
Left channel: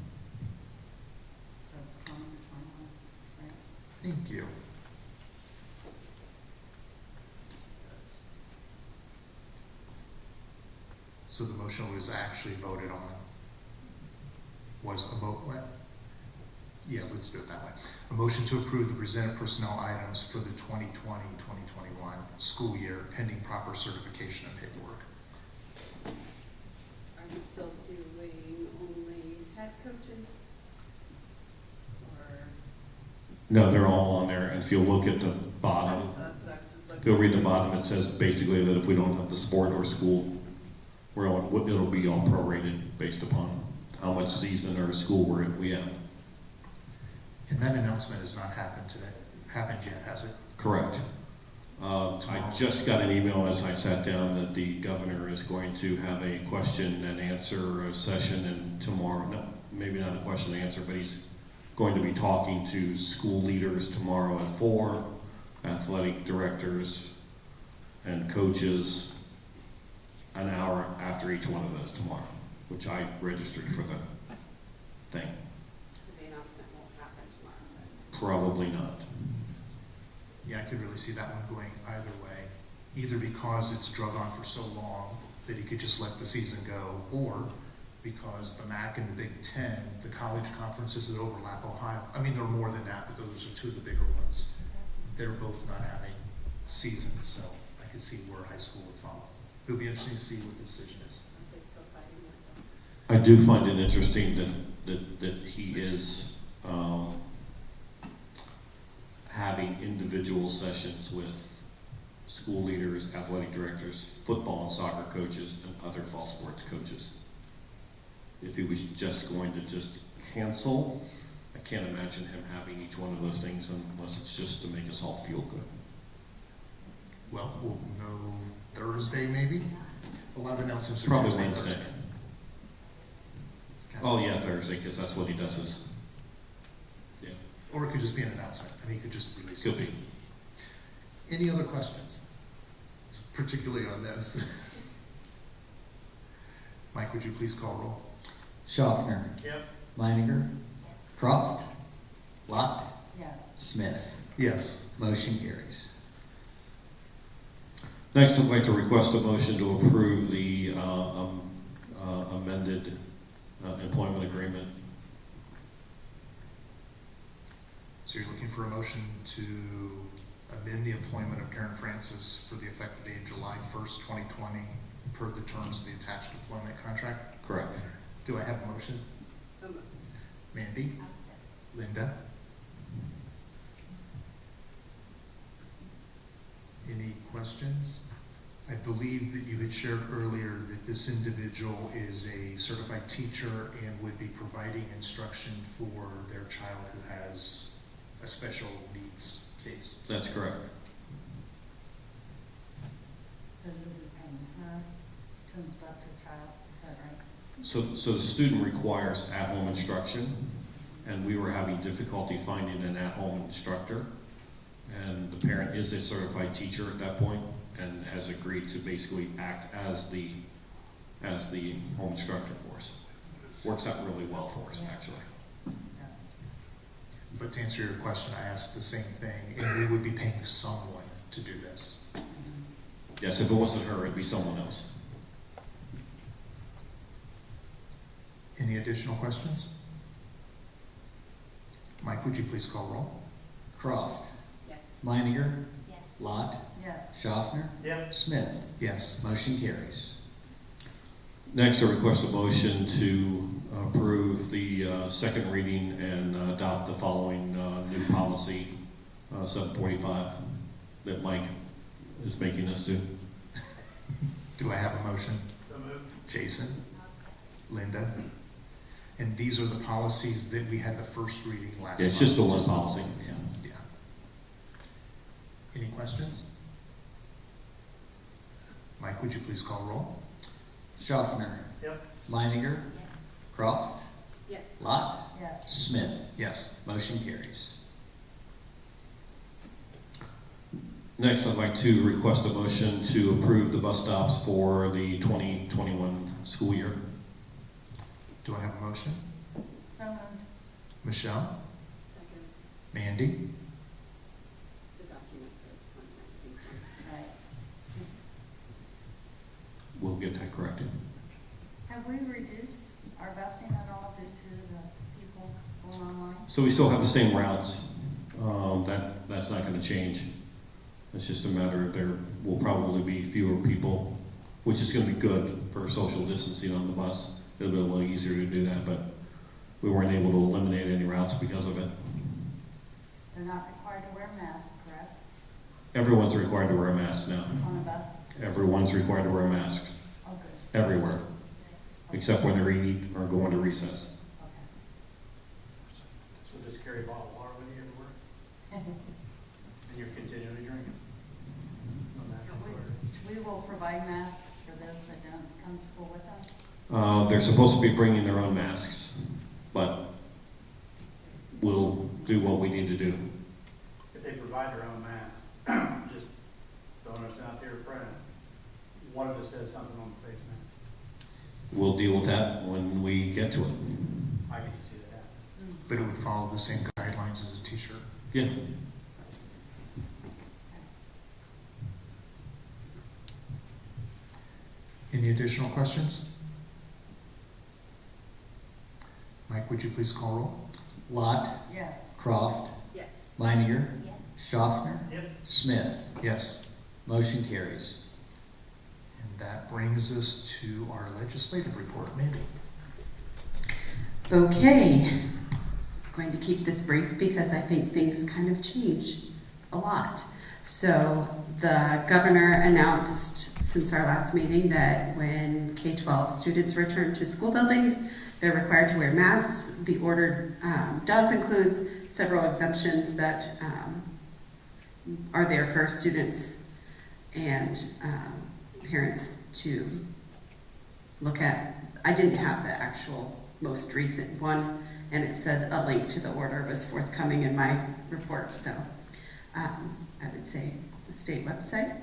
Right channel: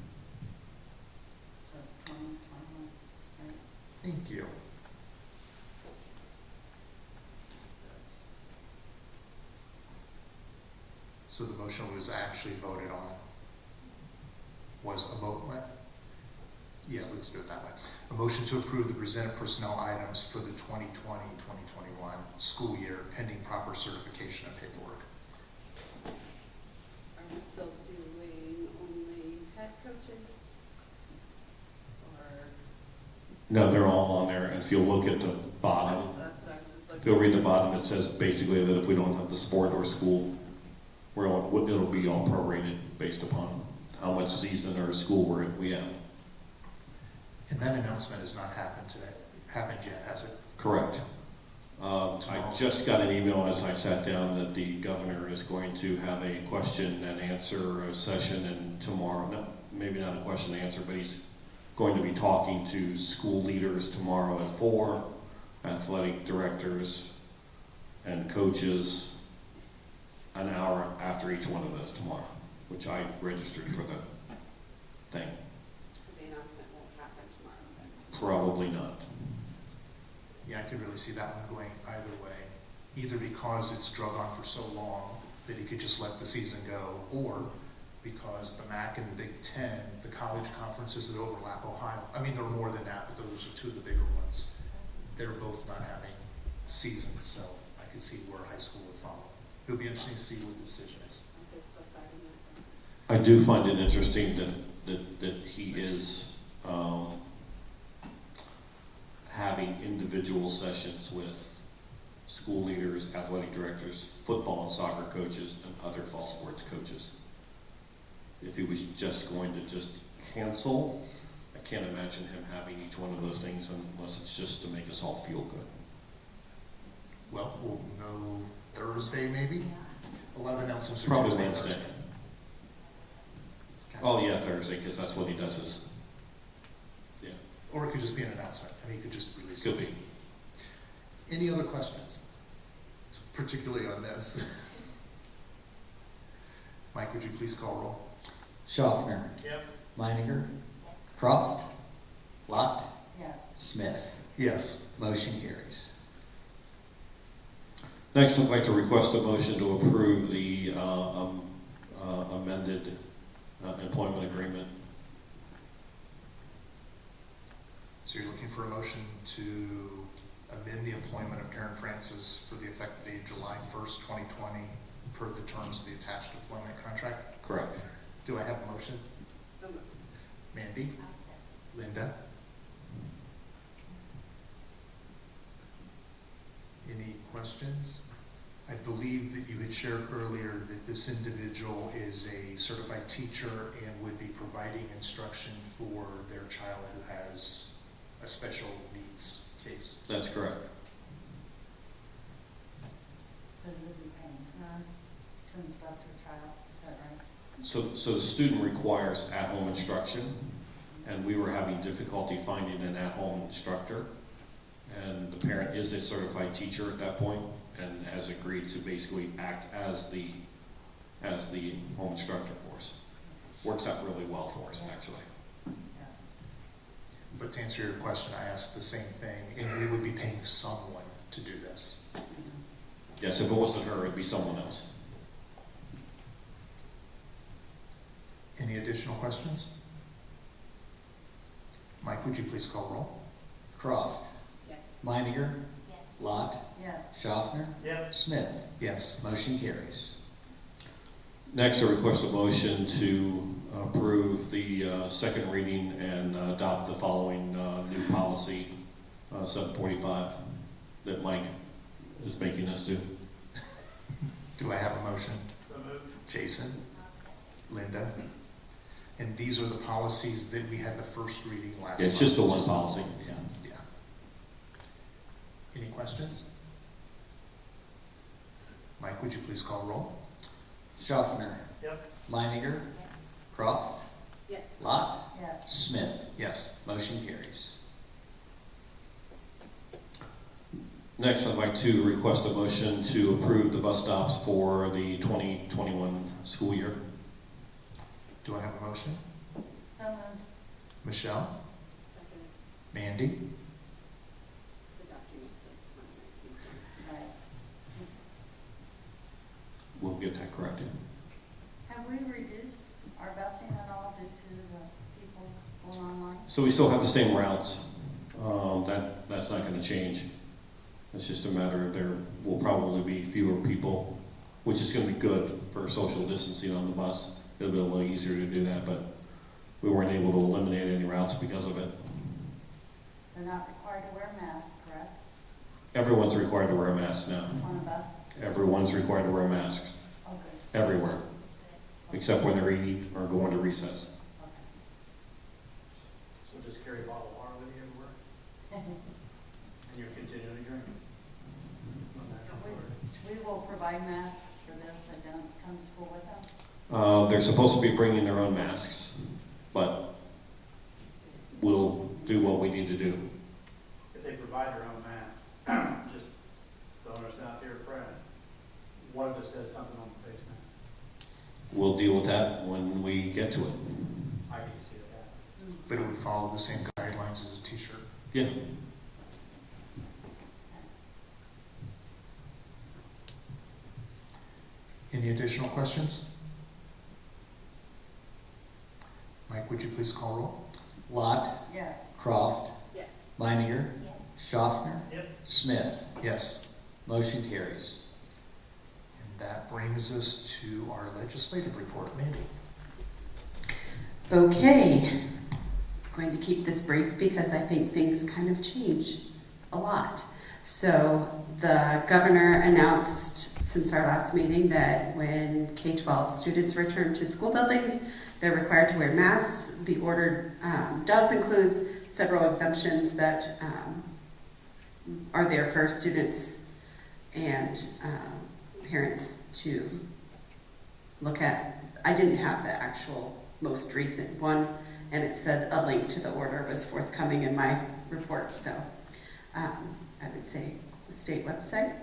So it's 20 to 21, right? Thank you. So the motion was actually voted on. Was a vote, what? Yeah, let's do it that way. A motion to approve the presented personnel items for the 2020-2021 school year pending proper certification and paperwork. Are we still doing only head coaches? Or? No, they're all on there, and if you'll look at the bottom, That's what I was just if looking. you'll read the bottom, it says basically that if we don't have the sport or school, it'll be all prorated based upon how much season or school we have. And that announcement has not happened yet, has it? Correct. I just got an email as I sat down that the governor is going to have a question and answer session, and tomorrow, no, maybe not a question and answer, but he's going to be talking to school leaders tomorrow at 4, athletic directors and coaches, an hour after each one of those tomorrow, which I registered for the thing. So the announcement won't happen tomorrow then? Probably not. Yeah, I could really see that one going either way. Either because it's drug on for so long that he could just let the season go, or because the MAC and the Big Ten, the college conferences that overlap Ohio, I mean, there are more than that, but those are two of the bigger ones. They're both not having seasons, so I could see where high school would follow. It'll be interesting to see what the decision is. Are they still fighting that? I do find it interesting that he is having individual sessions with school leaders, athletic directors, football and soccer coaches, and other fall sports coaches. If he was just going to just cancel, I can't imagine him having each one of those things unless it's just to make us all feel good. Well, we'll know Thursday maybe? A lot of announcements are Probably Tuesday, Wednesday. Thursday. Oh yeah, Thursday, because that's what he does is, yeah, Or it could just be an announcement, and he could just release could it. be. Any other questions? Particularly on this. Mike, would you please call roll? Schaffner, Yep. Meininger, Yes. Croft, Lot, Yes. Smith. Yes. Motion carries. Next, I'd like to request a motion to approve the amended employment agreement. So you're looking for a motion to amend the employment of Karen Francis for the effective date July 1st, 2020, per the terms of the attached employment contract. Correct. Do I have a motion? So moved. Mandy? I'll second. Linda? Any questions? I believe that you had shared earlier that this individual is a certified teacher and would be providing instruction for their child who has a special needs case. That's correct. So you'll be paying her to instruct her child, is that right? So the student requires at-home instruction, and we were having difficulty finding an at-home instructor. And the parent is a certified teacher at that point and has agreed to basically act as the home instructor for us. Works out really well for us, actually. Yeah. But to answer your question, I asked the same thing, and we would be paying someone to do this. Yes, if it wasn't her, it'd be someone else. Any additional questions? Mike, would you please call roll? Croft, Yes. Meininger, Yes. Lot, Yes. Schaffner, Yep. Smith. Yes. Motion carries. Next, I request a motion to approve the second reading and adopt the following new policy, 745, that Mike is making us do. Do I have a motion? So moved. Jason? I'll second. Linda? And these are the policies that we had the first reading last month. It's just the one policy. Yeah. Yeah. Any questions? Mike, would you please call roll? Schaffner, Yep. Meininger, Yes. Croft, Yes. Lot, Yes. Smith. Yes. Motion carries. Next, I'd like to request a motion to approve the bus stops for the 2021 school year. Do I have a motion? So moved. Michelle? Second. Mandy? The document says 2019. Right. We'll get that corrected. Have we reduced our busing at all due to the people going online? So we still have the same routes. That's not going to change. It's just a matter of there will probably be fewer people, which is going to be good for social distancing on the bus. It'll be a little easier to do that, but we weren't able to eliminate any routes because of it. They're not required to wear masks, correct, Everyone's required to wear a mask now. on a bus? Everyone's required to wear masks Oh, good. everywhere, except when they're eating or going to recess. Okay. So just carry a bottle of water with you everywhere, and you're continuing to drink it. No natural water. We will provide masks for those that don't come to school with them. They're supposed to be bringing their own masks, but we'll do what we need to do. If they provide their own mask, just throwing us out there, Fred, one of us says something on the face mask. We'll deal with that when we get to it. I get to see that happen. But it would follow the same guidelines as a t-shirt. Yeah. Any additional questions? Mike, would you please call roll? Lot, Yes. Croft, Yes. Meininger, Yes. Schaffner, Yep. Smith. Yes. Motion carries. And that brings us to our legislative report. Mandy? Okay, going to keep this brief because I think things kind of change a lot. So the governor announced since our last meeting that when K-12 students return to school buildings, they're required to wear masks. The order does include several exemptions that are there for students and parents to look at. I didn't have the actual most recent one, and it said a link to the order was forthcoming in my report, so I would say the state website.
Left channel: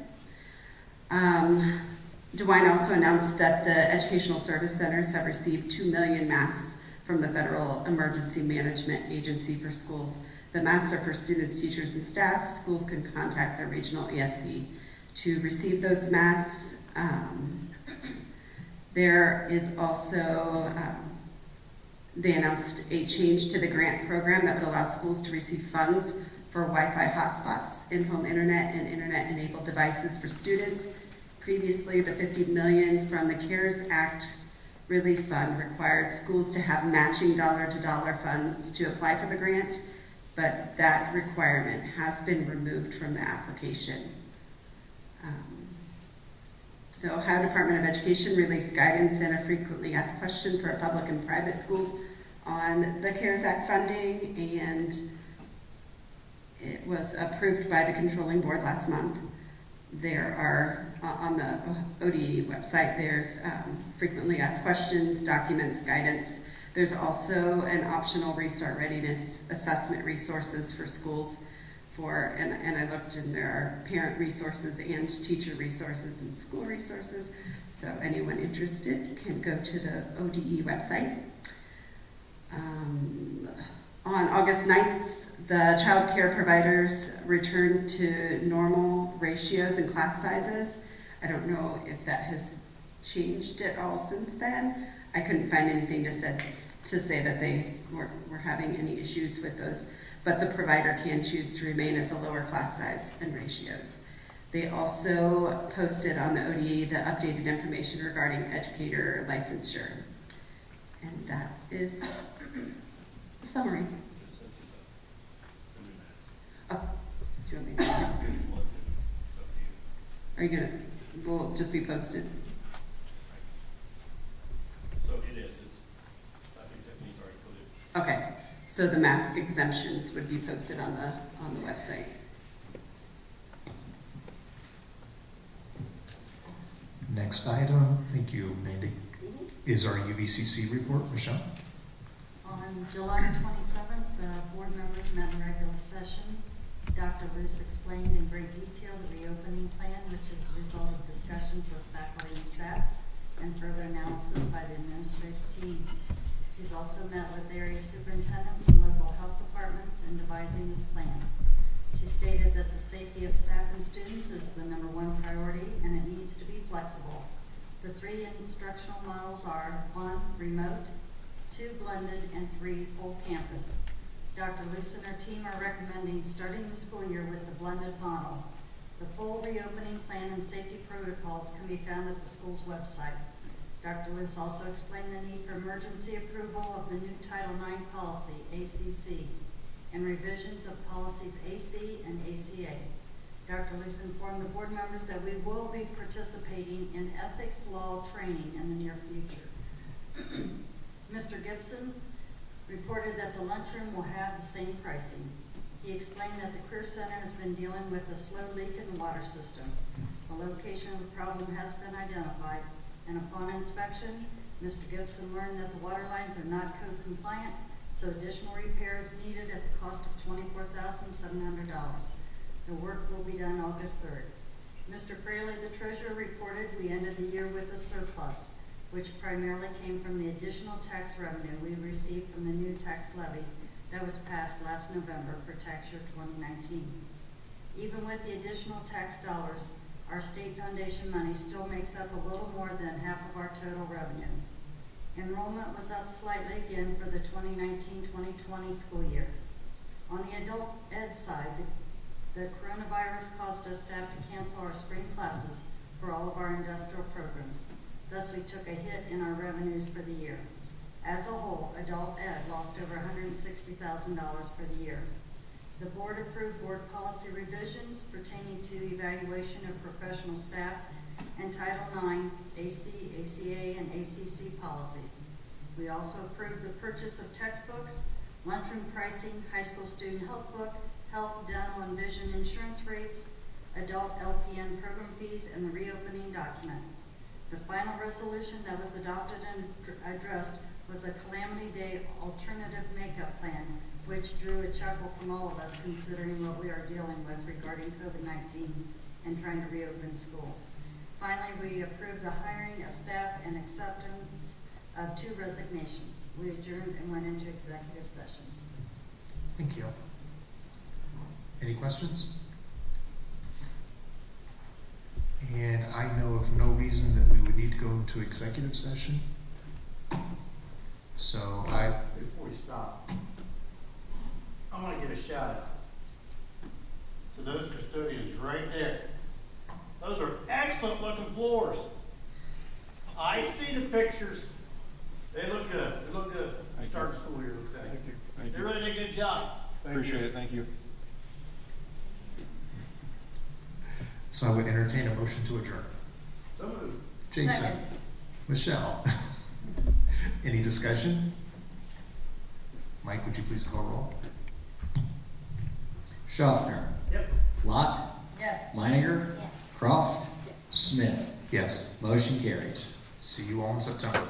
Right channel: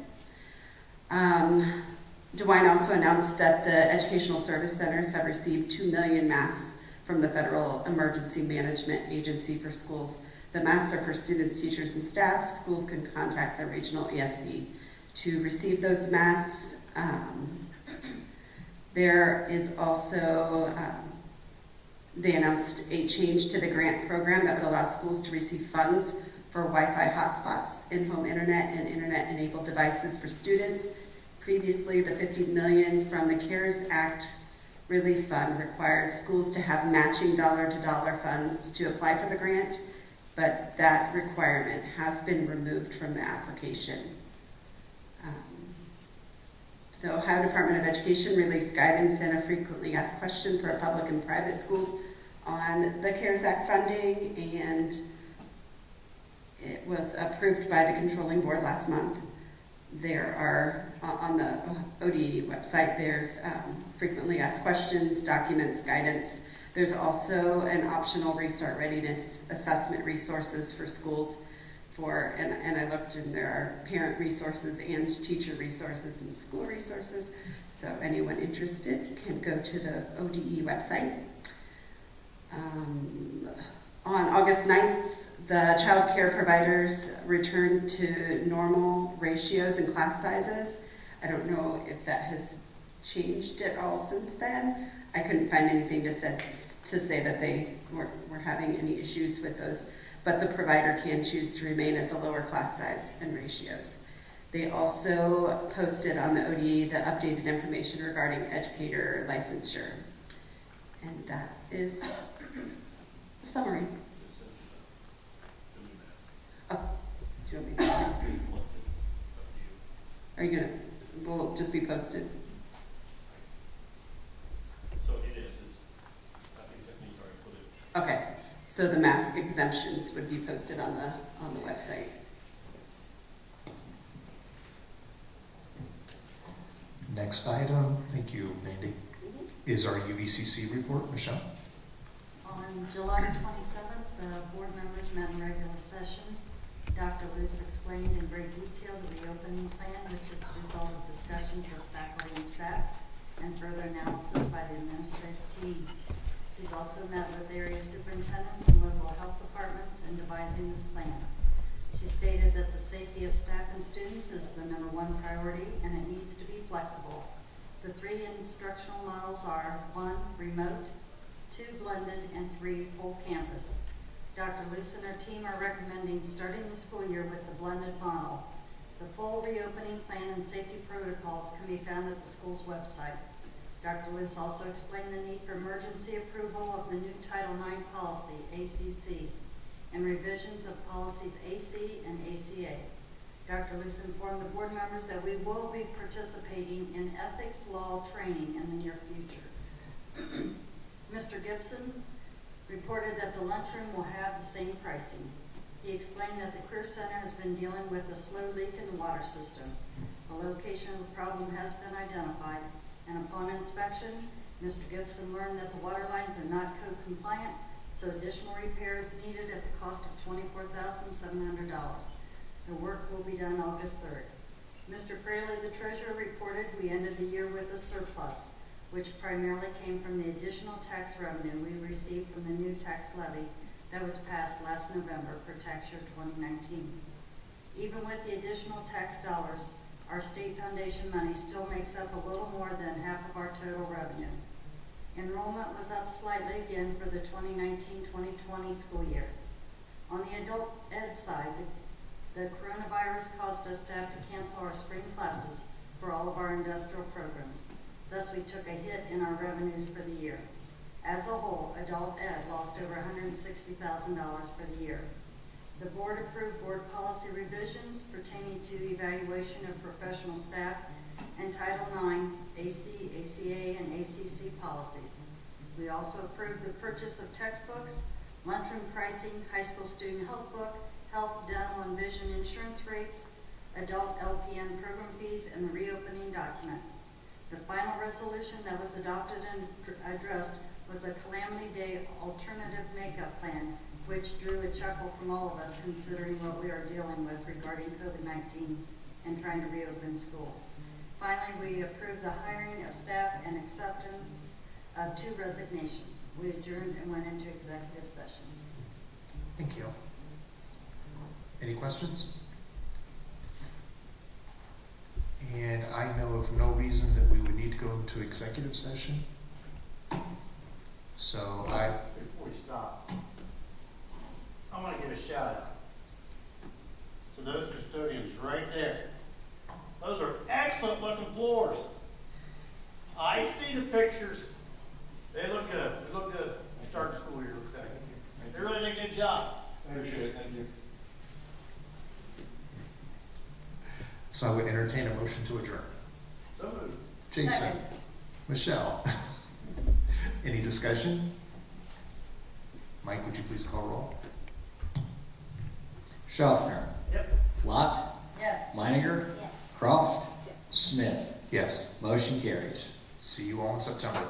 DeWine also announced that the educational service centers have received 2 million masks from the Federal Emergency Management Agency for schools. The masks are for students, teachers, and staff. Schools can contact their regional ESC to receive those masks. There is also, they announced a change to the grant program that would allow schools to receive funds for Wi-Fi hotspots, in-home internet, and internet-enabled devices for students. Previously, the $50 million from the CARES Act Relief Fund required schools to have matching dollar-to-dollar funds to apply for the grant, but that requirement has been removed from the application. The Ohio Department of Education released guidance and a frequently asked question for public and private schools on the CARES Act funding, and it was approved by the controlling board last month. There are, on the ODE website, there's frequently asked questions, documents, guidance. There's also an optional restart readiness assessment resources for schools and I looked, and there are parent resources and teacher resources and school resources. So anyone interested can go to the ODE website. On August 9th, the child care providers returned to normal ratios and class sizes. I don't know if that has changed at all since then. I couldn't find anything to say that they were having any issues with those, but the provider can choose to remain at the lower class size and ratios. They also posted on the ODE the updated information regarding educator licensure. And that is the summary. Oh, do you want me to? Are you gonna, will just be posted? So it is, I think Tiffany's already put it. Okay, so the mask exemptions would be posted on the website. Next item, thank you, Mandy, is our UVCC report. Michelle? On July 27th, the board members met in regular session. Dr. Luce explained in great detail the reopening plan, which is the result of discussions with faculty and staff and further analysis by the administrative team. She's also met with area superintendents and local health departments in devising this plan. She stated that the safety of staff and students is the #1 priority, and it needs to be flexible. The 3 instructional models are 1, remote, 2, blended, and 3, full campus. Dr. Luce and her team are recommending starting the school year with the blended model. The full reopening plan and safety protocols can be found at the school's website. Dr. Luce also explained the need for emergency approval of the new Title IX policy, ACC, and revisions of policies AC and ACA. Dr. Luce informed the board members that we will be participating in ethics law training in the near future. Mr. Gibson reported that the lunchroom will have the same pricing. He explained that the Career Center has been dealing with a slow leak in the water system. The location of the problem has been identified, and upon inspection, Mr. Gibson learned that the water lines are not code compliant, so additional repair is needed at the cost of $24,700. The work will be done August 3rd. Mr. Fraley, the treasurer, reported we ended the year with a surplus, which primarily came from the additional tax revenue we received from the new tax levy that was passed last November for tax year 2019. Even with the additional tax dollars, our state foundation money still makes up a little more than half of our total revenue. Enrollment was up slightly again for the 2019-2020 school year. On the adult ed side, the coronavirus caused us to have to cancel our spring classes for all of our industrial programs. Thus, we took a hit in our revenues for the year. As a whole, adult ed lost over $160,000 for the year. The board approved board policy revisions pertaining to evaluation of professional staff and Title IX, AC, ACA, and ACC policies. We also approved the purchase of textbooks, lunchroom pricing, high school student health book, health, dental, and vision insurance rates, adult LPN program fees, and the reopening document. The final resolution that was adopted and addressed was a Calamity Day alternative makeup plan, which drew a chuckle from all of us considering what we are dealing with regarding COVID-19 and trying to reopen school. Finally, we approved the hiring of staff and acceptance of 2 resignations. We adjourned and went into executive session. Thank you. Any questions? And I know of no reason that we would need to go into executive session. So Before we stop, I want to give a shout out to those custodians right there. Those are excellent looking floors. I see the pictures. They look good. They look good. Start the school year looks like. Thank They really did a good job. Appreciate it, thank you. So I would entertain a motion to adjourn. So moved. Jason, Second. Michelle, any discussion? Mike, would you please call roll? Schaffner, Yep. Lot, Yes. Meininger, Yes. Croft, Smith. Yes. Motion carries. See you all in September.